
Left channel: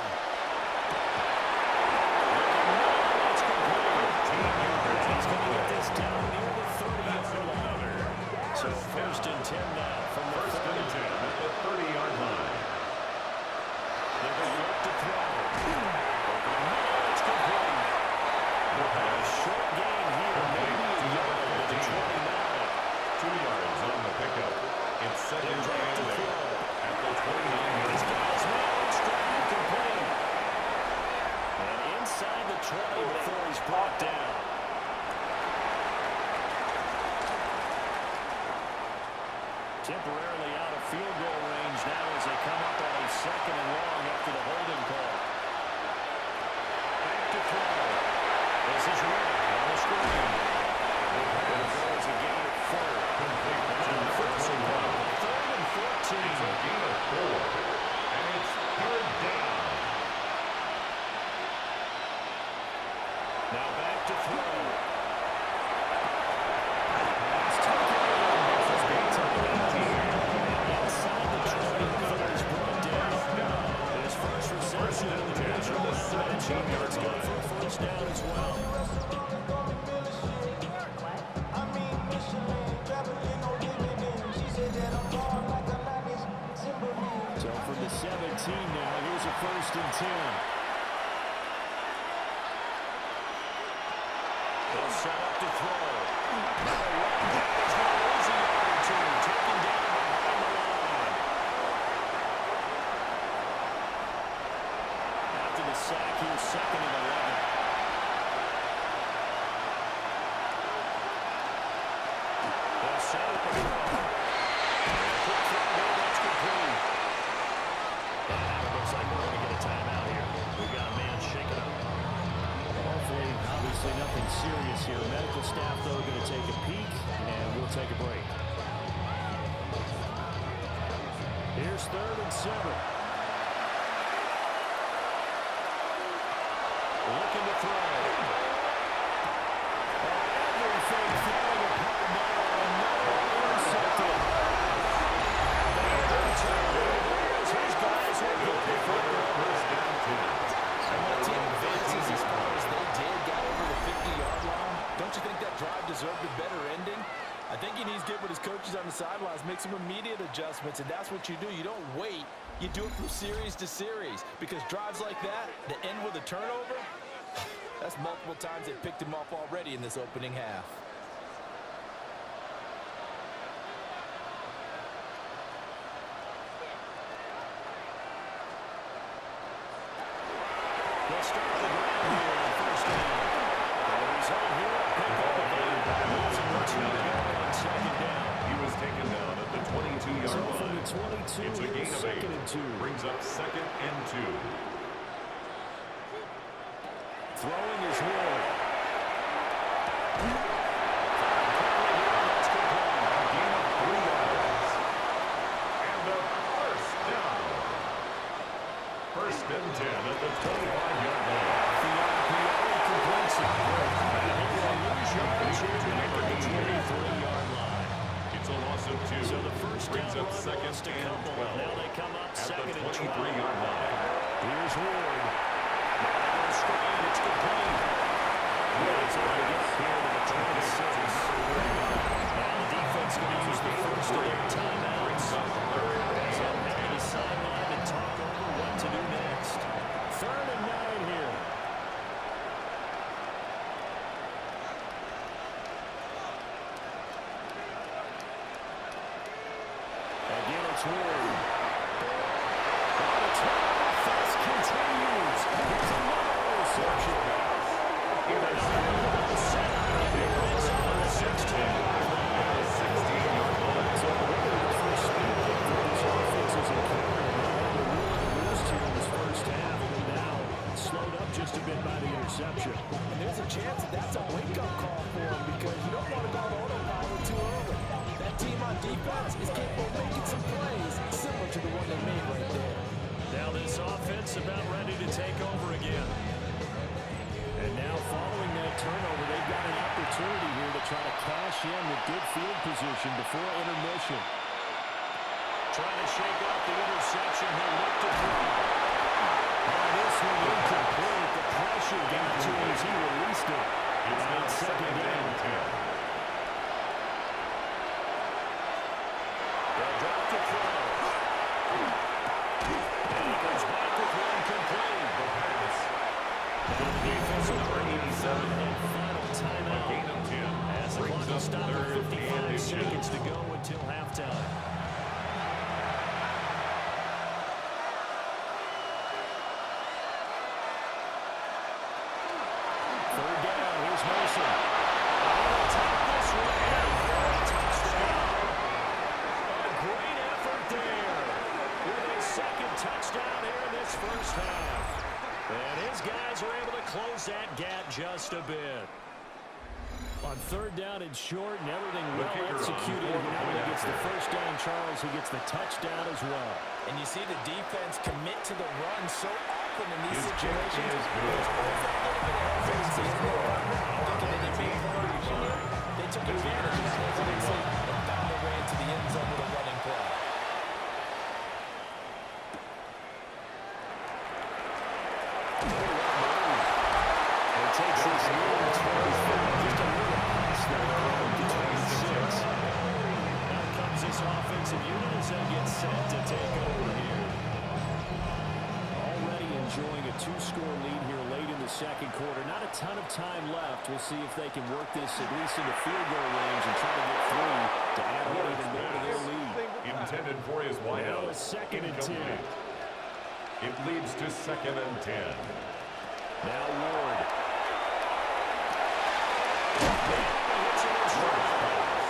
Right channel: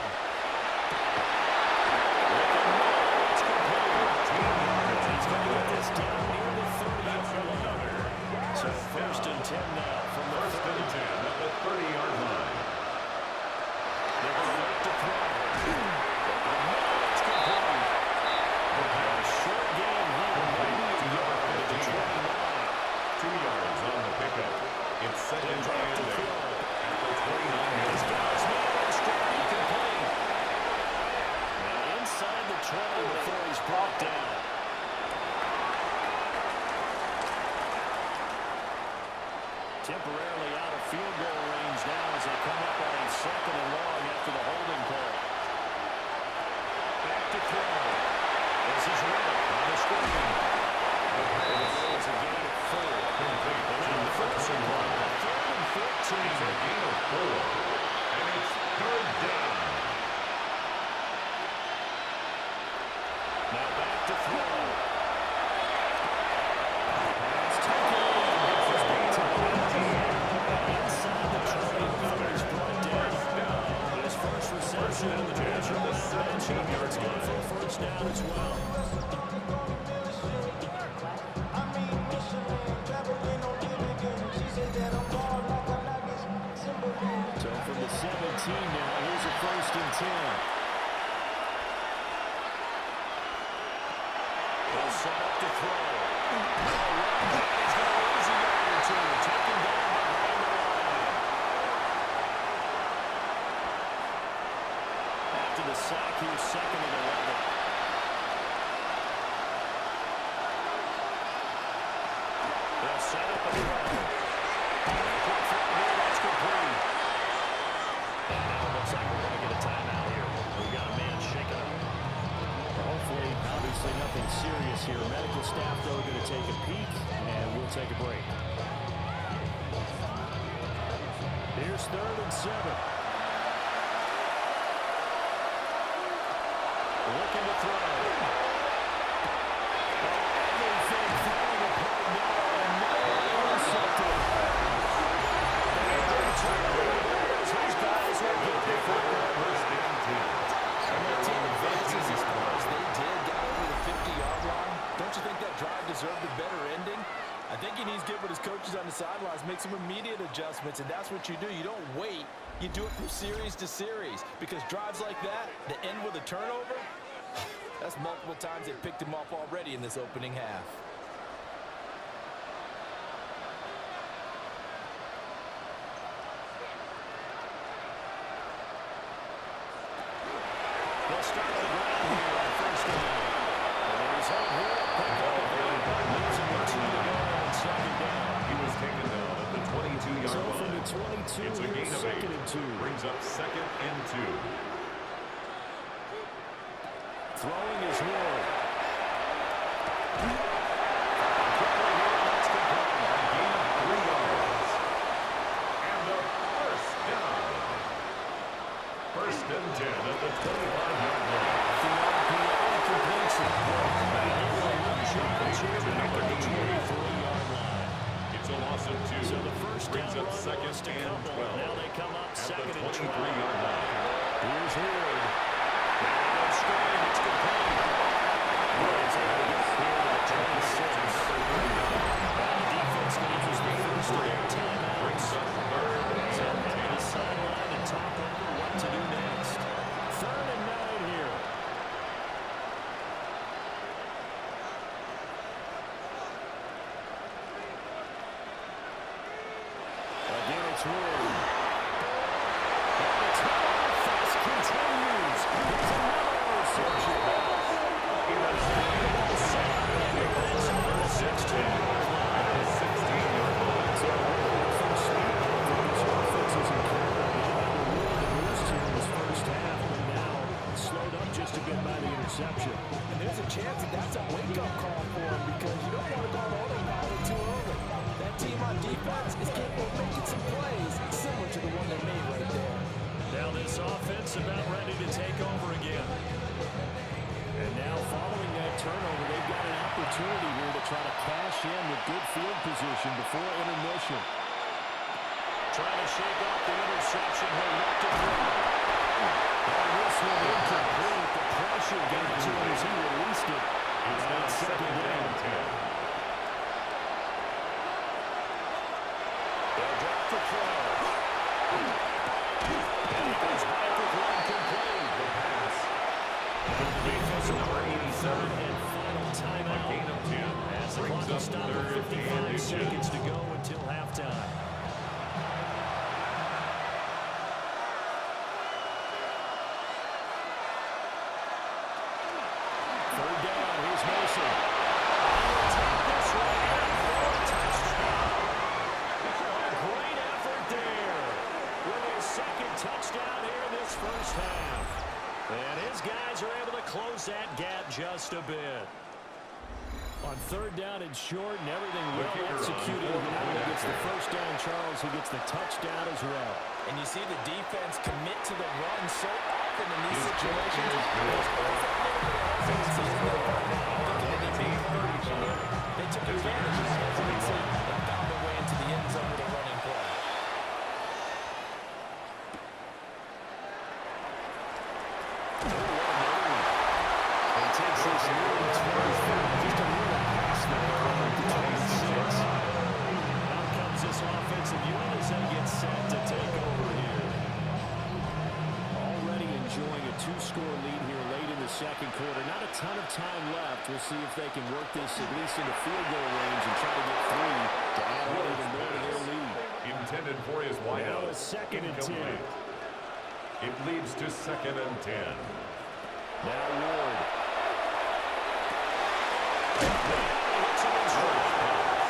That's complete. 13 yards. He's going to get this down near the 30-yard line. So 1st and 10 now from the 1st and 10 at the 30-yard line. passing run. 3rd and 14. It's a gain of 4. And it's 3rd down. Now back to throw. Pass taken in. It's a gain of 18. Inside the 20 before he's brought down. His first reception in the divisional match. It's good for a first down as well. So from the 17 now, here's a 1st and 10. They'll set up to throw. He's going to lose a yard or two. Taken down behind the line. After the sack, he was 2nd and 11. They'll set up a throw. And a quick throw here, that's complete. And now it looks like we're going to get a timeout here. We've got a man shaking up. Hopefully, obviously nothing serious here. Medical staff, though, going to take a peek, and we'll take a break. Here's 3rd and 7. Looking to throw. Everything falling apart now, and now intercepted. His guys will go pick up the 1st and 10. And when a team advances as far as they did, got over the 50-yard line, don't you think that drive deserved a better ending? I think he needs to get with his coaches on the sidelines, make some immediate adjustments, and that's what you do. You don't wait. You do it from series to series, because drives like that end with a turnover, that's multiple times they picked him off already in this opening half. They'll start on the ground here on 1st down. And the result here, a pickup of 8. Losing 2 to go on 2nd down. He was taken down at the 22-yard So line. from the 22, It's a gain of 8. 2nd and 2. Brings up 2nd and 2. Throwing is Ward. Quickly here, and that's complete. A gain of 3 yards. And a 1st down. 1st and 10 at the 25-yard line. The RPO completes it. And he will lose yards here back at the 23-yard line. It's a loss of 2. So the first brings down up run 2nd lost a and couple. 12. Now they come up at 2nd the and 12. 23-yard line. Here's Ward. Now they go screen. It's complete. Ward's able to get here to the 26. Number 39. Now the defense going to use the first of their timeouts. Brings up 3rd As they'll and head to 10. the sideline and talk over what to do next. 3rd and 9 here. Again, it's Ward. And the turnover fest continues. Here's another interception. Unbelievable setup. And the red zone on the 16-yard line. At the 16-yard line. So really the first speed bump that this offense has encountered. They had to rule the boost here in this first half, but now slowed up just a bit by the interception. And there's a chance that that's a wake-up call for him, because you don't want to go on autopilot too early. That team on defense is capable of making some plays similar to the one they made right there. Now this offense about ready to take over again. And now following that turnover, they've got an opportunity here to try to cash in with good field position before intermission. Trying to shake off the interception. He'll look to throw. And this one incomplete. The pressure got to him as he released it. It's now 2nd and 10. They'll drop the throw. And he comes back with one complete. The pass. Now the defense will Number bring 87. and final timeout. A gain of 10. As the Brings clock will up stop 3rd at 55 and seconds to go until halftime. Third down, here's Mason. He will take this one and for a touchdown. A great effort there with his 2nd touchdown here in this first half. And his guys are able to close that gap just a bit. On third down and short, and everything The well kicker on executed. for the Not point only gets the after. first down, Charles, he gets the touchdown as well. And you see the defense commit to the run so often in these His kick situations. is good. There's always that little bit of hesitancy, isn't there, partner? Thinking that they may play action here. They took advantage of that hesitancy and found their way into the end zone with a running play. It takes this near 25, just a little past the 26. Now comes this offensive unit as they get set to take over here. Already enjoying a two-score lead here late in the second quarter. Not a ton of time left. We'll see if they can work this at least into field goal range and try to get three to add on even more to their lead. Intended for his wideout. Now a second and 10. Incomplete. It leads to 2nd and 10. Now Ward. Hits him in stride. First pass.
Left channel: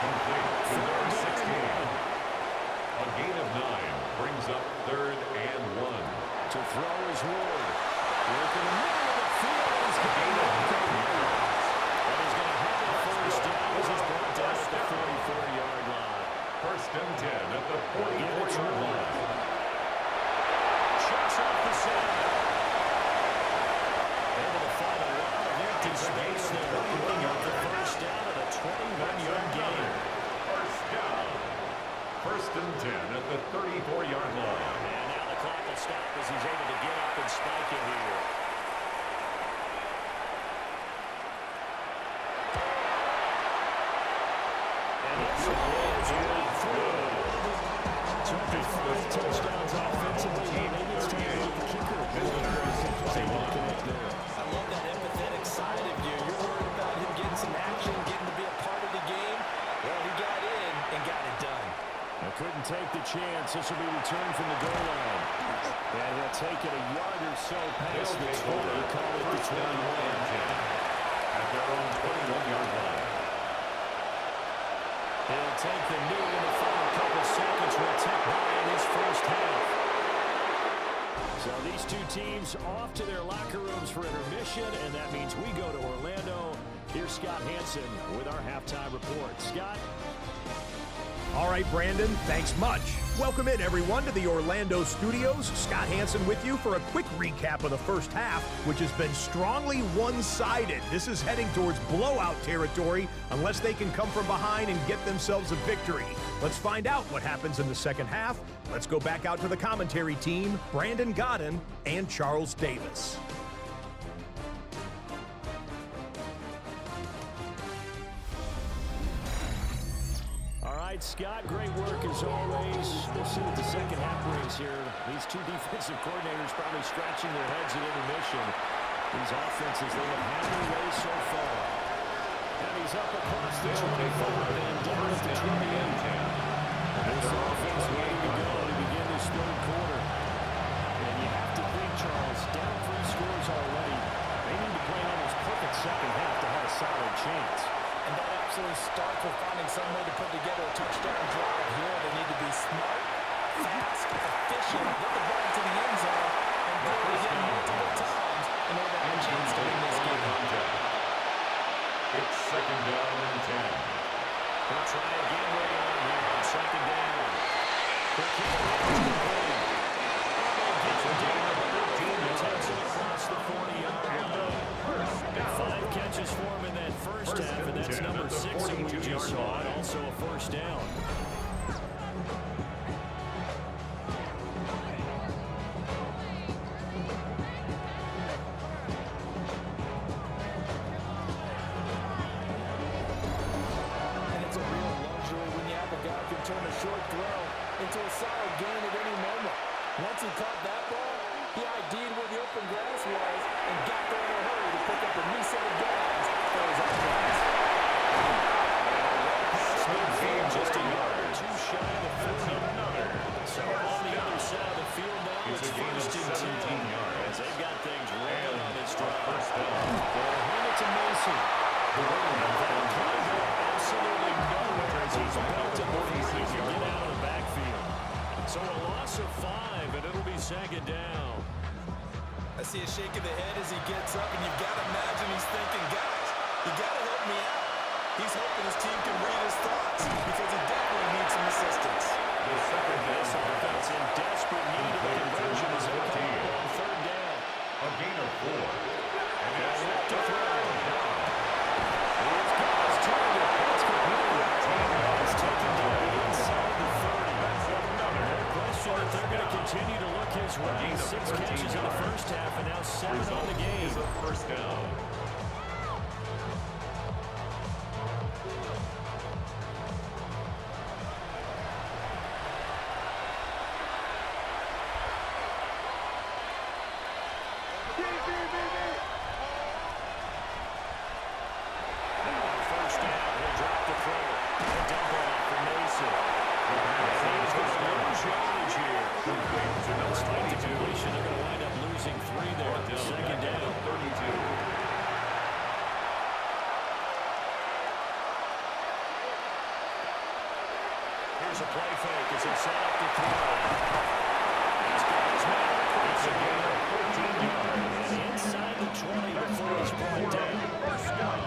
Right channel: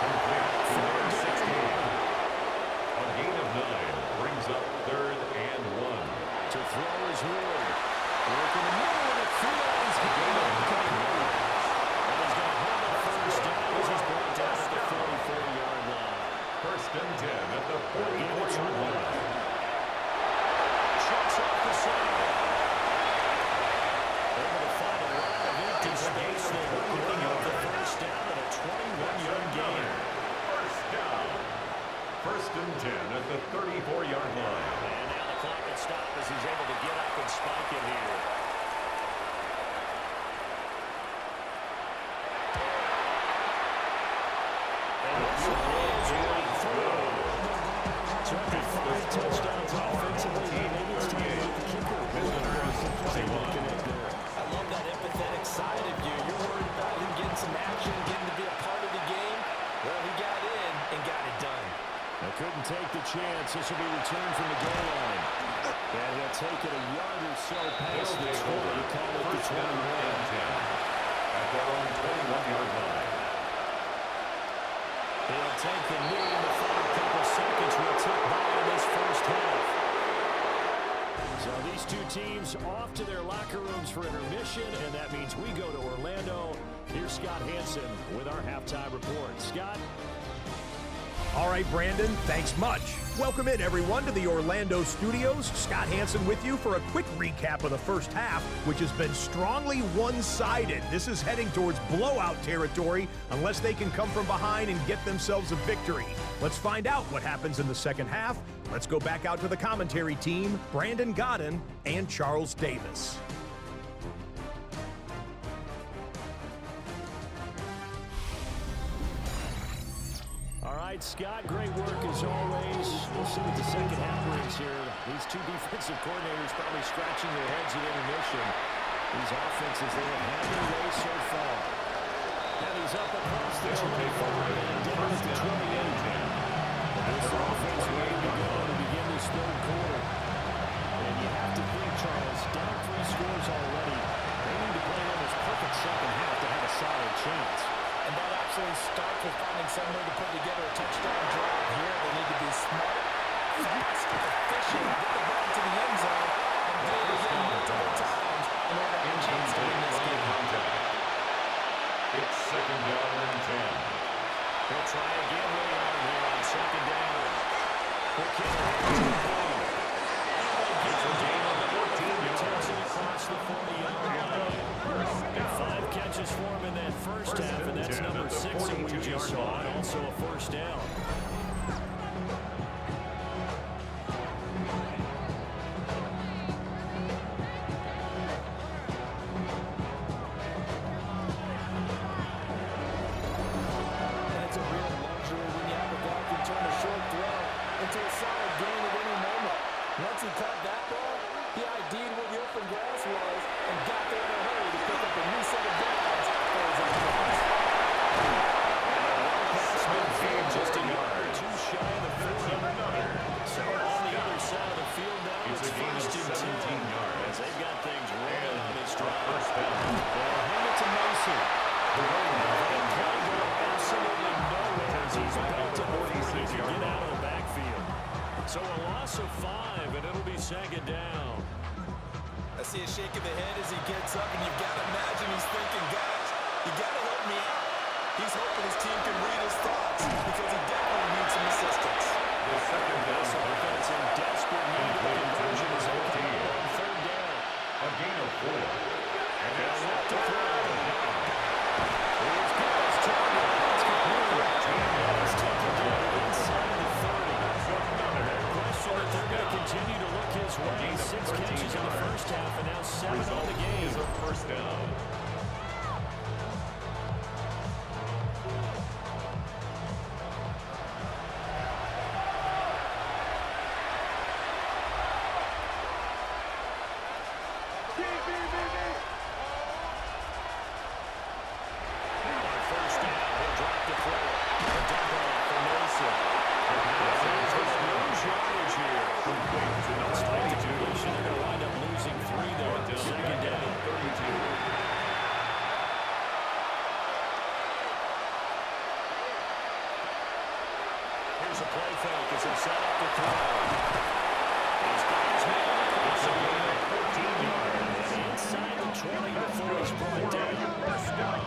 Complete to number 16. A gain of 9 brings up 3rd and 1. To throw is Ward. Work in the middle of the field. He's Gain of 9 yards. and he's going to have a first down as he's brought down at the 44-yard line. 1st and 10 at the 44-yard line. Checks off the side. Able to find a lot of empty It's a gain space of there. 21 Picking up the yards. first down at a 21-yard gain. First down. 1st and 10 at the 34-yard line. And now the clock will stop as he's able to get up and spike it here. And this one is right through. Terrific 5 touchdowns offensively. Maybe it's time to get the kicker. They want to connect there. I love that empathetic side of you. You're worried about him getting some action, getting to be a part of the game. Well, he got in and got it done. I couldn't take the chance. This will be returned from the goal line. And he'll take it a yard or so past They'll the take 20. over. Call it the First down 21. and 10 at their own 21-yard line. He'll take the knee in the final couple seconds. Will tick by in this first half. So these two teams off to their locker rooms for intermission, and that means we go to Orlando. Here's Scott Hansen with our halftime report. Scott? All right, Brandon, thanks much. Welcome in, everyone, to the Orlando studios. Scott Hansen with you for a quick recap of the first half, which has been strongly one-sided. This is heading towards blowout territory unless they can come from behind and get themselves a victory. Let's find out what happens in the second half. Let's go back out to the commentary team, Brandon Godden and Charles Davis. All right, Scott, great work as always. We'll see what the second half brings here. These two defensive coordinators probably scratching their heads at intermission. These offenses, they have had their way so far. And he's up across the 25 and down at the 28. And this offense ready to go to begin this third quarter. And you have to think, Charles, down 3 scores already. They need to play an almost perfect second half to have a solid chance. And that absolutely starts with finding some way to put together a touchdown drive here. They need to be smart, fast, efficient, get the ball to the end zone, and do it again multiple times in order to have a chance to win this game. It's 2nd down and 10. He'll try again way on here on 2nd down. Quick hit here, complete. And they get the gain on the 14, takes it across the 40-yard line. 5 catches for him in that first half, and that's number 6 that we just saw, and also a first down. And it's a real luxury when you have a guy who can turn a short throw into a solid gain at any moment. Once he caught that ball, he ID'd where the open grass was and got there in a hurry to pick up a new set of downs for his offense. Just a yard or two shy of the 40. So on the other side of the field now, It's it's a gain of 1st and 10 yards. as they've got things rolling on this drive. First down. They'll hand it to Mason. The running back That comes can go out. absolutely nowhere as he's Back at belted the before he can 46-yard get out line. of the backfield. So a loss of 5, and it'll be 2nd down. I see a shake of the head as he gets up, and you've got to imagine he's thinking, guys, you got to help help me out. He's hoping his team can read his thoughts because he definitely needs some assistance. The second down This offense in desperate need of a conversion as they come up on third down. A gain of 4. And it's Left to third throw. down. Here's God's target. That's complete. He's taken down inside the 30. That's another Question that they're going to continue to look his way. 6 catches in the first half and now 7 on the game. Is a first down. Now on first down, he'll drop to throw it. A dump off for Mason. He's going to lose yardage here. Despite the completion, they're going to wind up losing 3 there. Second down. 32. Here's a play fake as they set up to throw. He's got his man across the Gain game. of 14 yards. And inside the 20 before he's brought down. First down.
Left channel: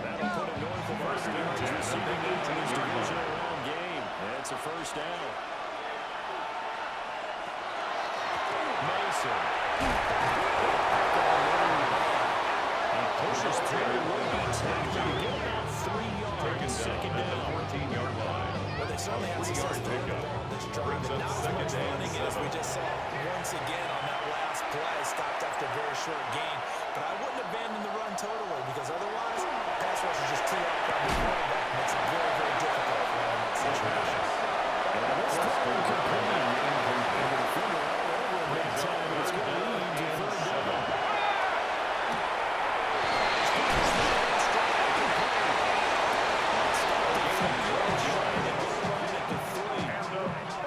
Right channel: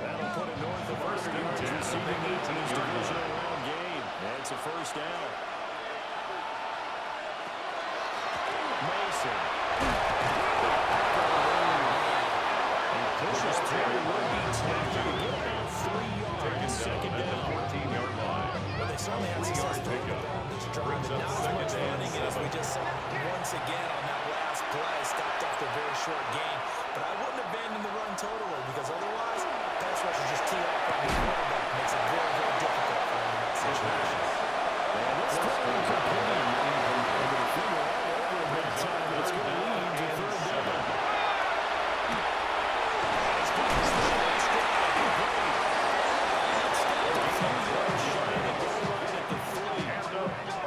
That'll put him north of 100 yards receiving in this divisional round game. It's a first down. Mason. He pushes through. Beats Hector to get about 3 yards. Second At down. the 14-yard line. Well, they certainly had success throwing the ball on this drive, Brings but up not as second much and running as we 7. just saw once again on that last play. Stopped after a very short gain. But I wouldn't abandon the run totally because otherwise, pass rushers just tee off on the quarterback. Makes it very, very difficult for him in that situation. And this throw incomplete. They're going to finger all over him that time, and it's going to lead to third down. He's got his man in stride, complete. That's stopped a few yards shy of the goal line at the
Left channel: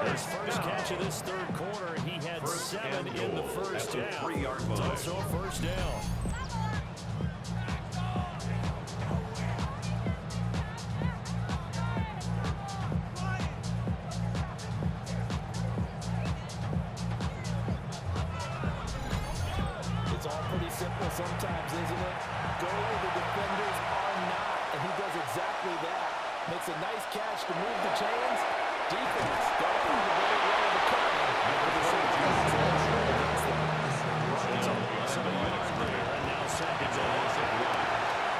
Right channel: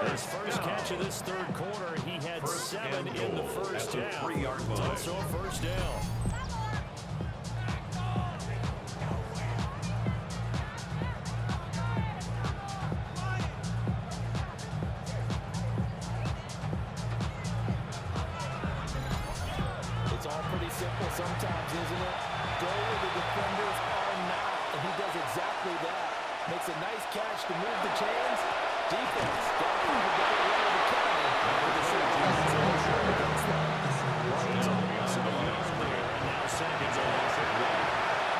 3. His first catch of this third quarter, he had 7 in the first at the half. 3-yard It's line. also a first down. It's all pretty simple sometimes, isn't it? Go where the defenders are not, and he does exactly that. Makes a nice catch to move the chains. Defense got to find a better way of accounting for the safety against them. It's a loss of a yard there, and now second down.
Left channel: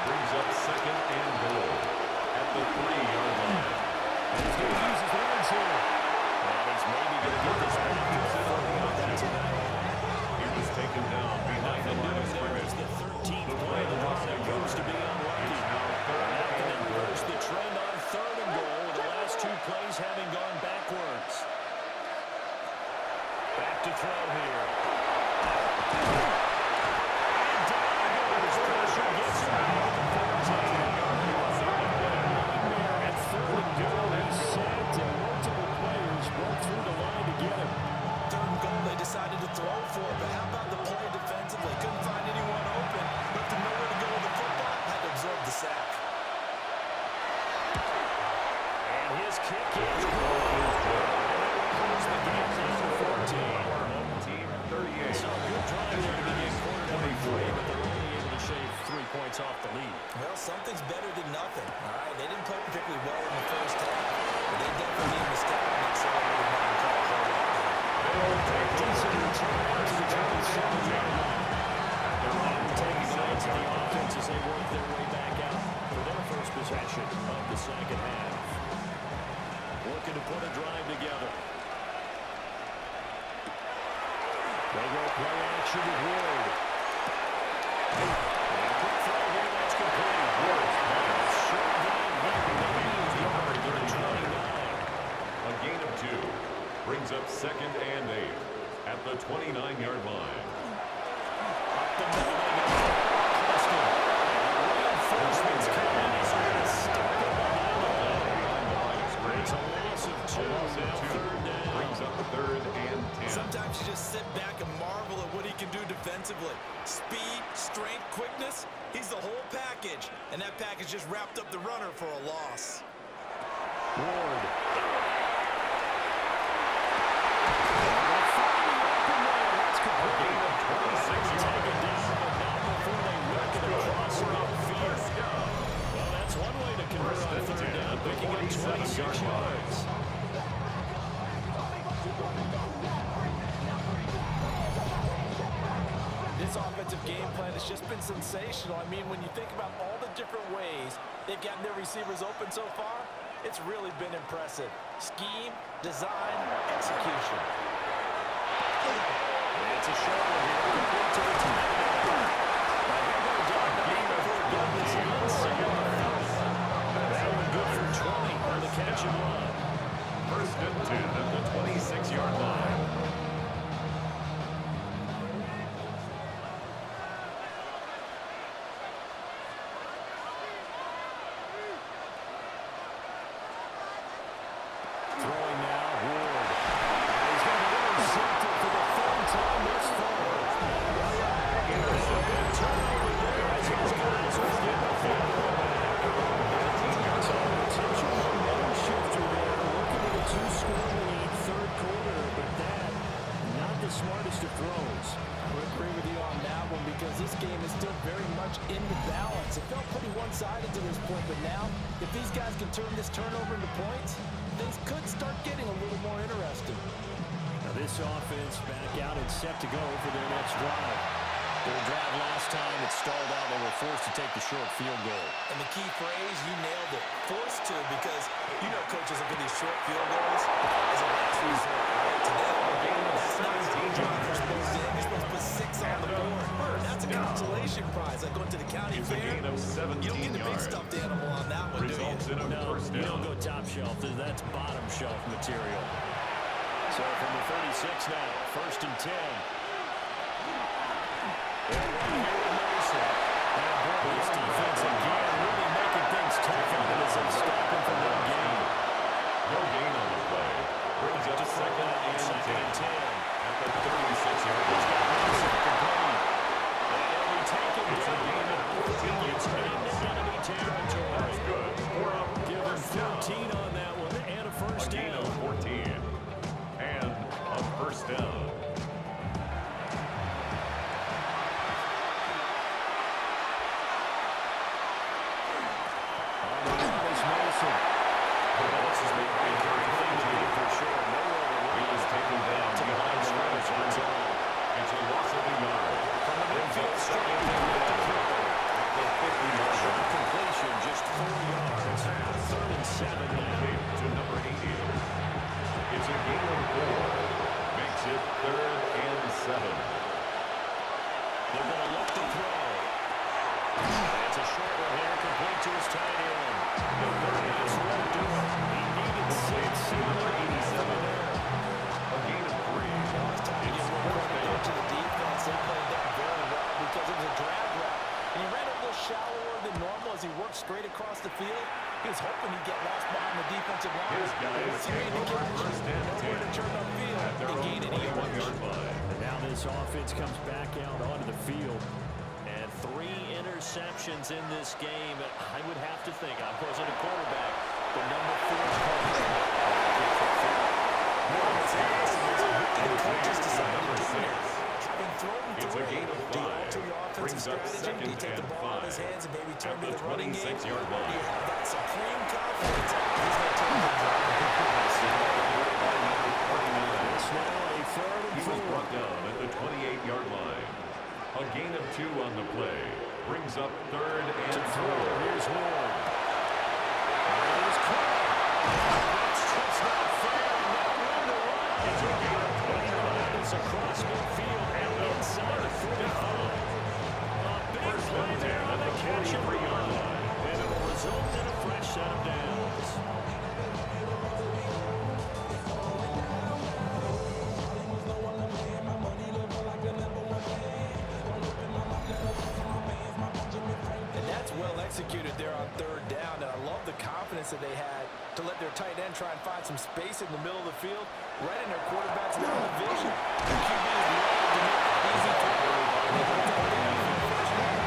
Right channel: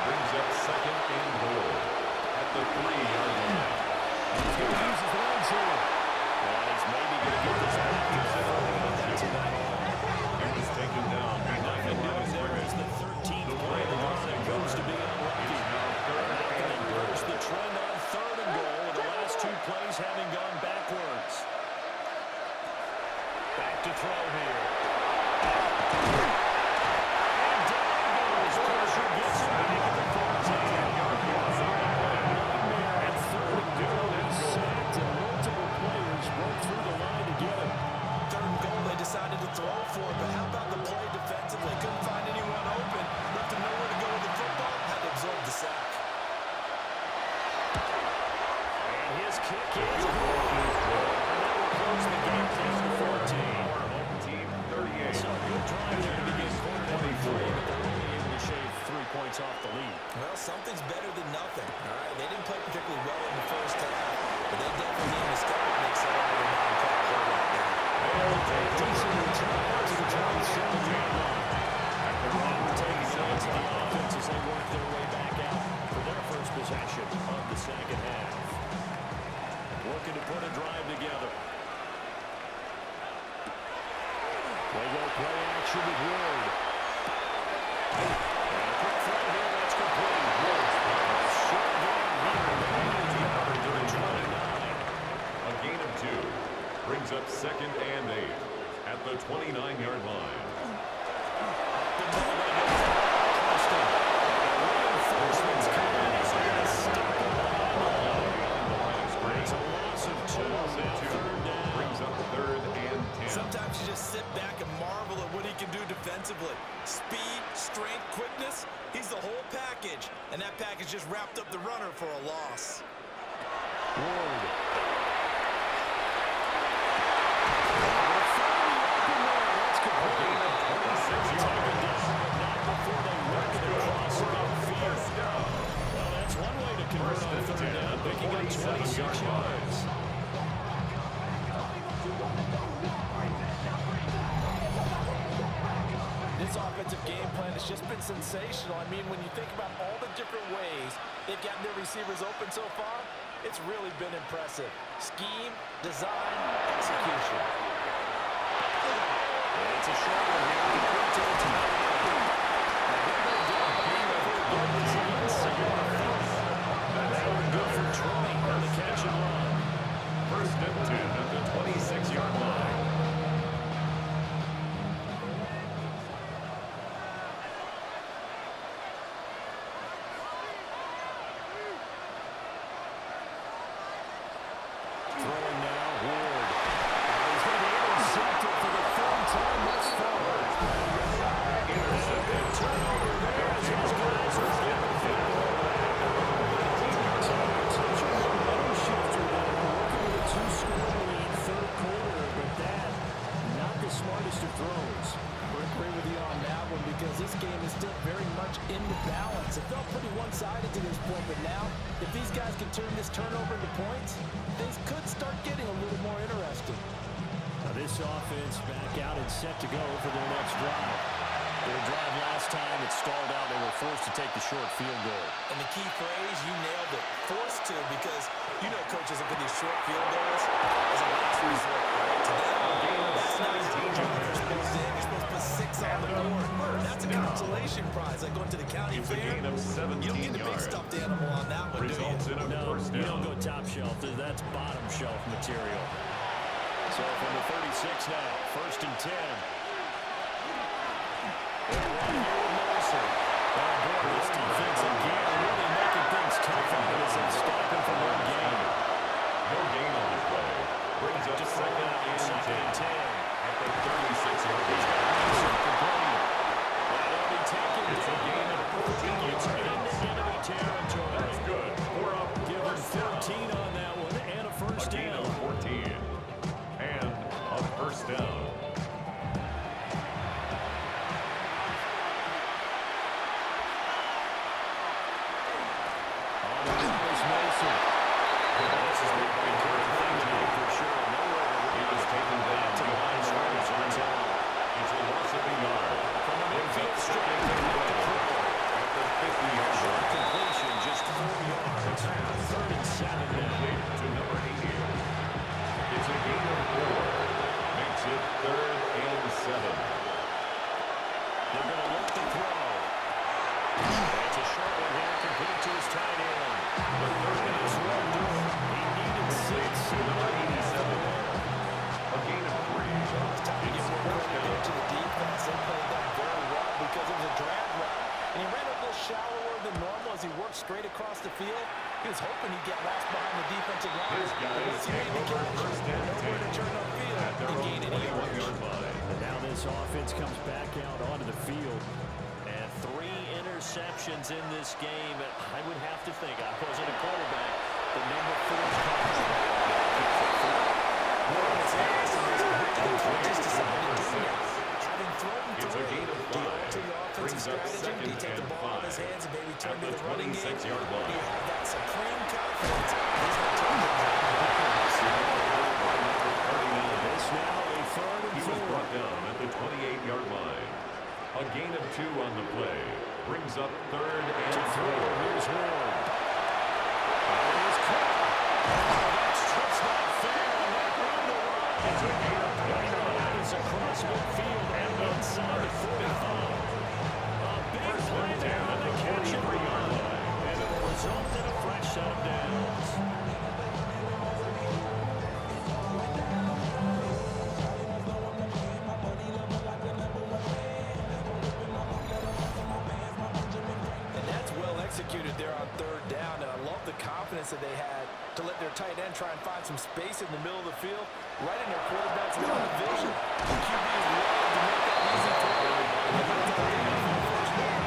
Brings up second and goal at the 3-yard line. He's going to use his legs here. And he's maybe going to get this back to the 30, but that's about all. He was taken down behind the line of There is scrimmage. the 13th play of the drive that goes to be unlucky. It's now third Now can and they reverse the trend on third and goal with the last 2 plays having gone backwards? Back to throw here. And down he goes. Pressure gets him back at the 14. Nightmare at third and goal. He's sacked and multiple players broke through the line to get him. Third and goal they decided to throw for, but how about the play defensively? Couldn't find anyone open. Left him nowhere to go with the football. Had to absorb the sack. And his kick is good. And that will close the game down to 14. Our home team 38. So a good drive there to begin quarter number 3, but they're only able to shave 3 points off the lead. Well, something's better than nothing, all right? They didn't play particularly well in the first half, but they definitely need to step on the accelerator now and play a whole lot better. They'll take Decent return out to the 27-yard line. at their own And taking the lead to the 27-yard line. offense as they work their way back out for their first possession of the second half. Looking to put a drive together. They go play action with Ward. And a quick throw here, that's complete. Ward's pass. Short gain here, maybe a yard to the 29. A gain of 2 brings up second and 8 at the 29-yard line. Up the middle they go. Preston. And reinforcements coming as they're going to stop him behind the line. Behind the line of It's scrimmage. a loss of 2. A loss of Now 2 third down. brings up third and 10. Sometimes you just sit back and marvel at what he can do defensively. Speed, strength, quickness, he's the whole package. And that package just wrapped up the runner for a loss. Ward. A gain of 26 Taken yards. down, but not before they work it across For a midfield. first down. Well, convert on third down, picking up 26 yards. This offensive game plan has just been sensational. I mean, when you think about all the different ways they've gotten their receivers open so far, it's really been impressive. Scheme, design, execution. And it's a short one here, complete to the tight end. Now he'll go down the game before he gets yards. That one good for 20 on the catch and run. First and 10 at the 26-yard line. Throwing now, Ward. And he's going to be intercepted for the third time thus far. Intercepted. Turnover there as his guys are getting the football back. So potential momentum shifter there, working with a two-score lead, third quarter, but that, not the smartest of throws. I would agree with you on that one because this game is still very much in the balance. It felt pretty one-sided to this point, but now, if these guys can turn this turnover into points, things could start getting a little more interesting. Now this offense back out and set to go for their next drive. Their drive last time, it stalled out. They were forced to take the short field goal. And the key phrase, you nailed it, forced to, because you know coaches look at these short field goals as a last resort, right? To them, that's not as much you're supposed to. You're supposed to put 6 on the board. That's a consolation prize, like going to the county It's a fair. gain of 17 You don't get the big yards. stuffed animal on that one, do Results you? in a No, first you don't down. go top shelf. That's bottom shelf material. So from the 36 now, first and 10. They'll run here with Mason. And boy, this defense again really making things tough on it as they stop him from one gain. No gain on the play. Brings up second and 10 at the 36-yard He's got line. Mason complete. And he'll be taken It's a down. gain of 14 It's yards. into enemy territory. That's good. For a Give him first down. 14 on that one and a A first gain down. of 14 and a first down. On the run is Mason. Well, this is made by Terry For sure. Nowhere to He was taken down to the behind line the line of scrimmage. scrimmage. It's a loss of a yard. From the Brings up midfield second strike, and they're 11 at the 50-yard Short line. completion, just 4 yards. Third and 7 now. Complete to number 80. It's a gain of 4. Makes it third and 7. They're going to look to throw. It's a short one here, complete to his tight end. The third And this down. won't do it. He needed 6. He Number might have 87. there. A gain of 3. It's time to It's give more fourth credit down. to the defense. They played that very well because it was a drag route. And he ran a little shallower than normal as he worked straight across the field. He was hoping he'd get lost behind the defensive line. His guys Once he made take the over catch, first and nowhere to 10 turn upfield at their and own gain any yards. 21-yard line. And now this offense comes back out onto the field. And 3 interceptions in this game. And I would have to think, I wasn't a quarterback, but number 4 is called. What's interesting is the coaches to decided number to do 6. that. Having thrown It's a 3, gain of do you 5. alter your offensive Brings up strategy? Do you second take the and ball out of his 5 hands and maybe turn at to the the running game? 26-yard Or do line. you have that supreme confidence he's going to turn the ball? By number 39. This now a third and He 4. was brought down at the 28-yard line. A gain of 2 on the play. Brings up third and To throw, 4. here's Ward. And it is caught. Oh, that's just not fair, and that room to run. It's a gain of 29. That is across midfield and inside the 45. A big First play and 10 there on at the the catch and 43-yard run. line. And it will result in a fresh set of downs. And that's well executed there on third down. And I love the confidence that they had to let their tight end try and find some space in the middle of the field, right in their quarterback's line of vision. The QB is wild to make that easy throw. And they got that down for the first down.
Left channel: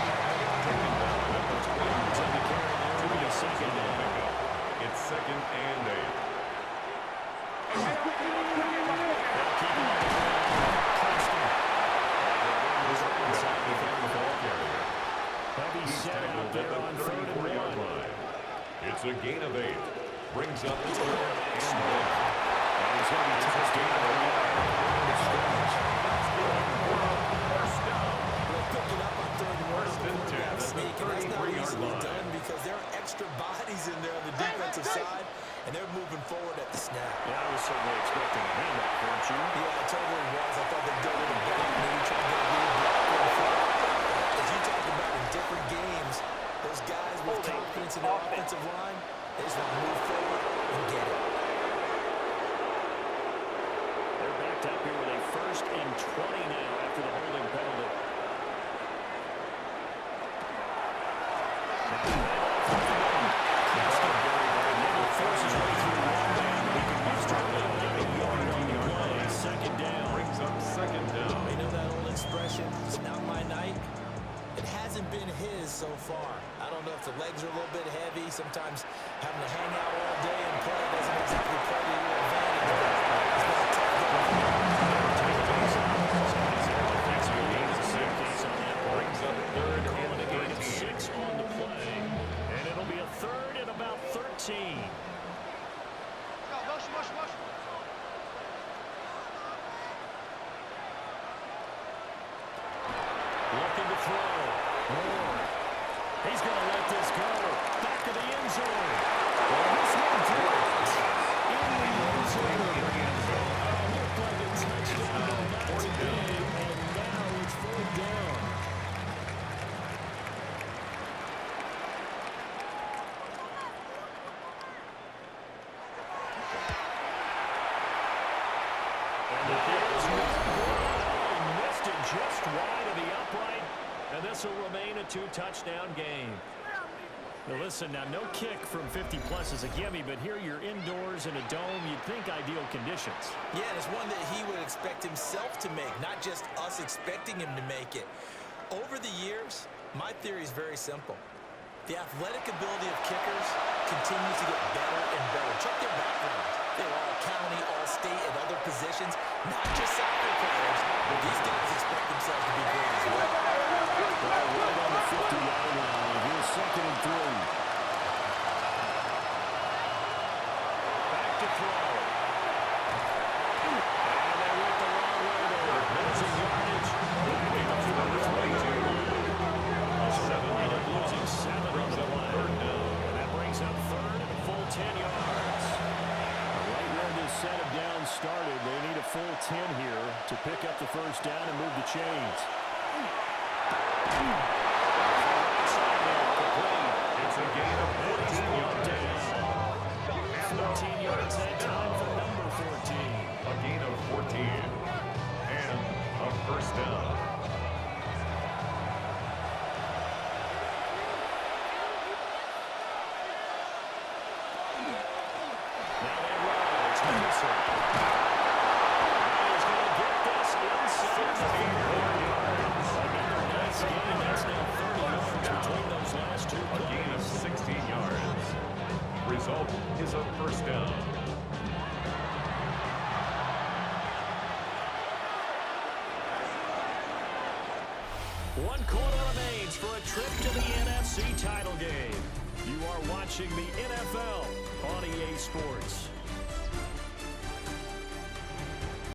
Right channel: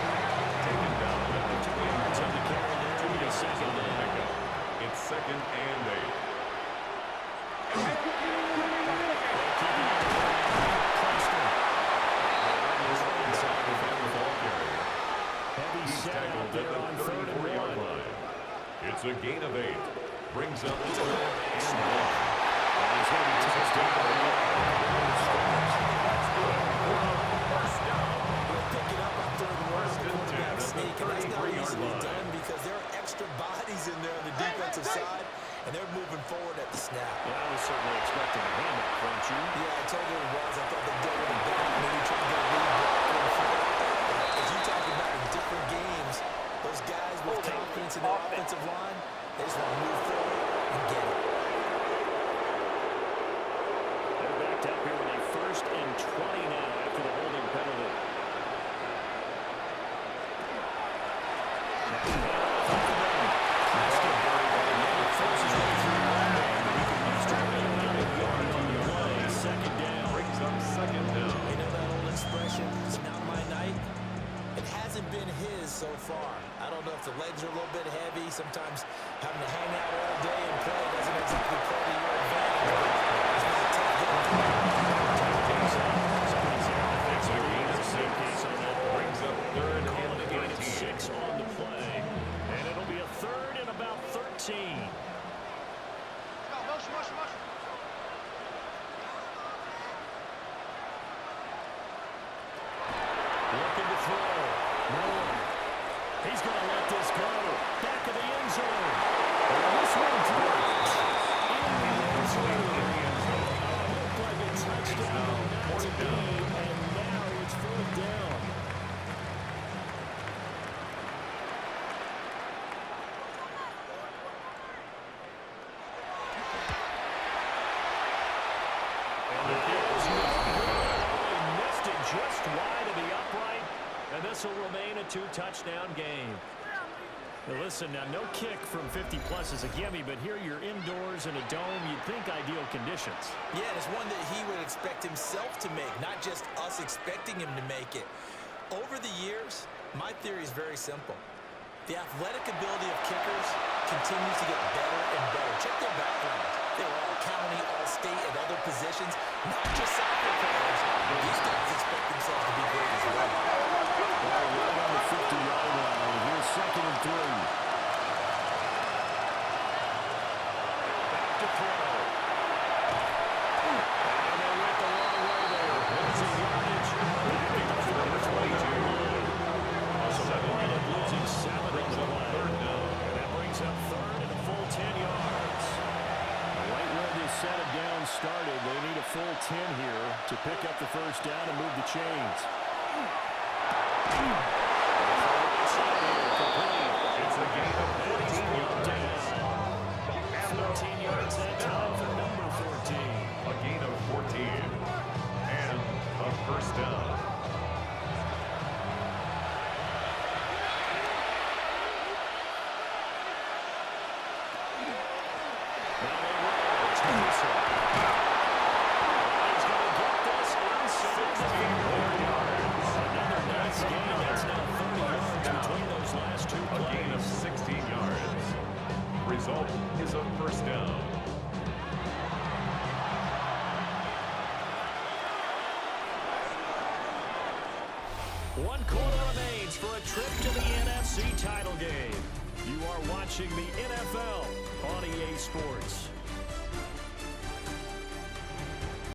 Taken down at the 2 yards On the carry there, 2 it'll be yards second on the down. pickup. It's second and 8. They'll keep it on the ground. Preston. Inside the ball carrier. Heavy He's set out tackled at there the on third and 34-yard 1. line. It's It's a gain of 8. Brings up 3rd and 1. And he's going to be touched down by the line of scrimmage. That's good for a first down. They're picking up on 3rd and 1 First and 10 at the sneak, and that's not 33-yard easily line. done because there are extra bodies in there on the defensive side, and they're moving forward at the snap. Yeah, I was certainly expecting a handoff, weren't you? Yeah, I totally was. I thought they did it back, maybe try to get a lead blocker in front. But as you talk about in different games, those guys with confidence in their offensive line, they just want to move forward and get it. They're backed up here with a 1st and 20 now after the holding penalty. Forces way through one man, but he can use about a yard on the play. 2nd down. Brings up 2nd down. You know that old expression, it's not my night? It hasn't been his so far. I don't know if the legs are a little bit heavy. Sometimes having to hang out all day and play doesn't exactly play to your advantage. But it's been a tough game. Somebody's there defensively. It's a safe case on that. Brings up 3rd Calling a and gain of 13. 6 on the play. And it'll be a 3rd and about 13. Looking to throw. Moore. He's going to let this go. Back of the end zone. And this one dropped in the end zone. Looked like a touchdown, but not to be. And now it's 4th down. And the kick is good. He missed it just wide of the upright, and this will remain a 2-touchdown game. Now listen, now no kick from 50-plus is a gimme, but here you're indoors in a dome. You'd think ideal conditions. Yeah, and it's one that he would expect himself to make, not just us expecting him to make it. Over the years, my theory is very simple. The athletic ability of kickers continues to get better and better. Check their background. They were all county, all state, and other positions, not just soccer players. These guys expect themselves to be great as well. Well, right on the 50-yard line. Here's 2nd and 3. Back to throw. And they went the wrong way there. Losing yardage. Back at the 22 line. So they wind up losing 7 on the play. 3rd down. And that brings up 3rd and a full 10 yards. Right where this set of downs started, they need a full 10 here to pick up the 1st down and move the chains. Right side here, complete. It's a gain of 14 yards. And 14 yards that time for number 14. A gain of 14. And a 1st down. Now they roll. It's Mason. And he's going to get this inside the 64 yards. Another nice gain. That's now 30 yards between those last 2 A gain of plays. 16 yards. Result is a 1st down. One quarter remains for a trip to the NFC title game. You are watching the NFL on EA Sports.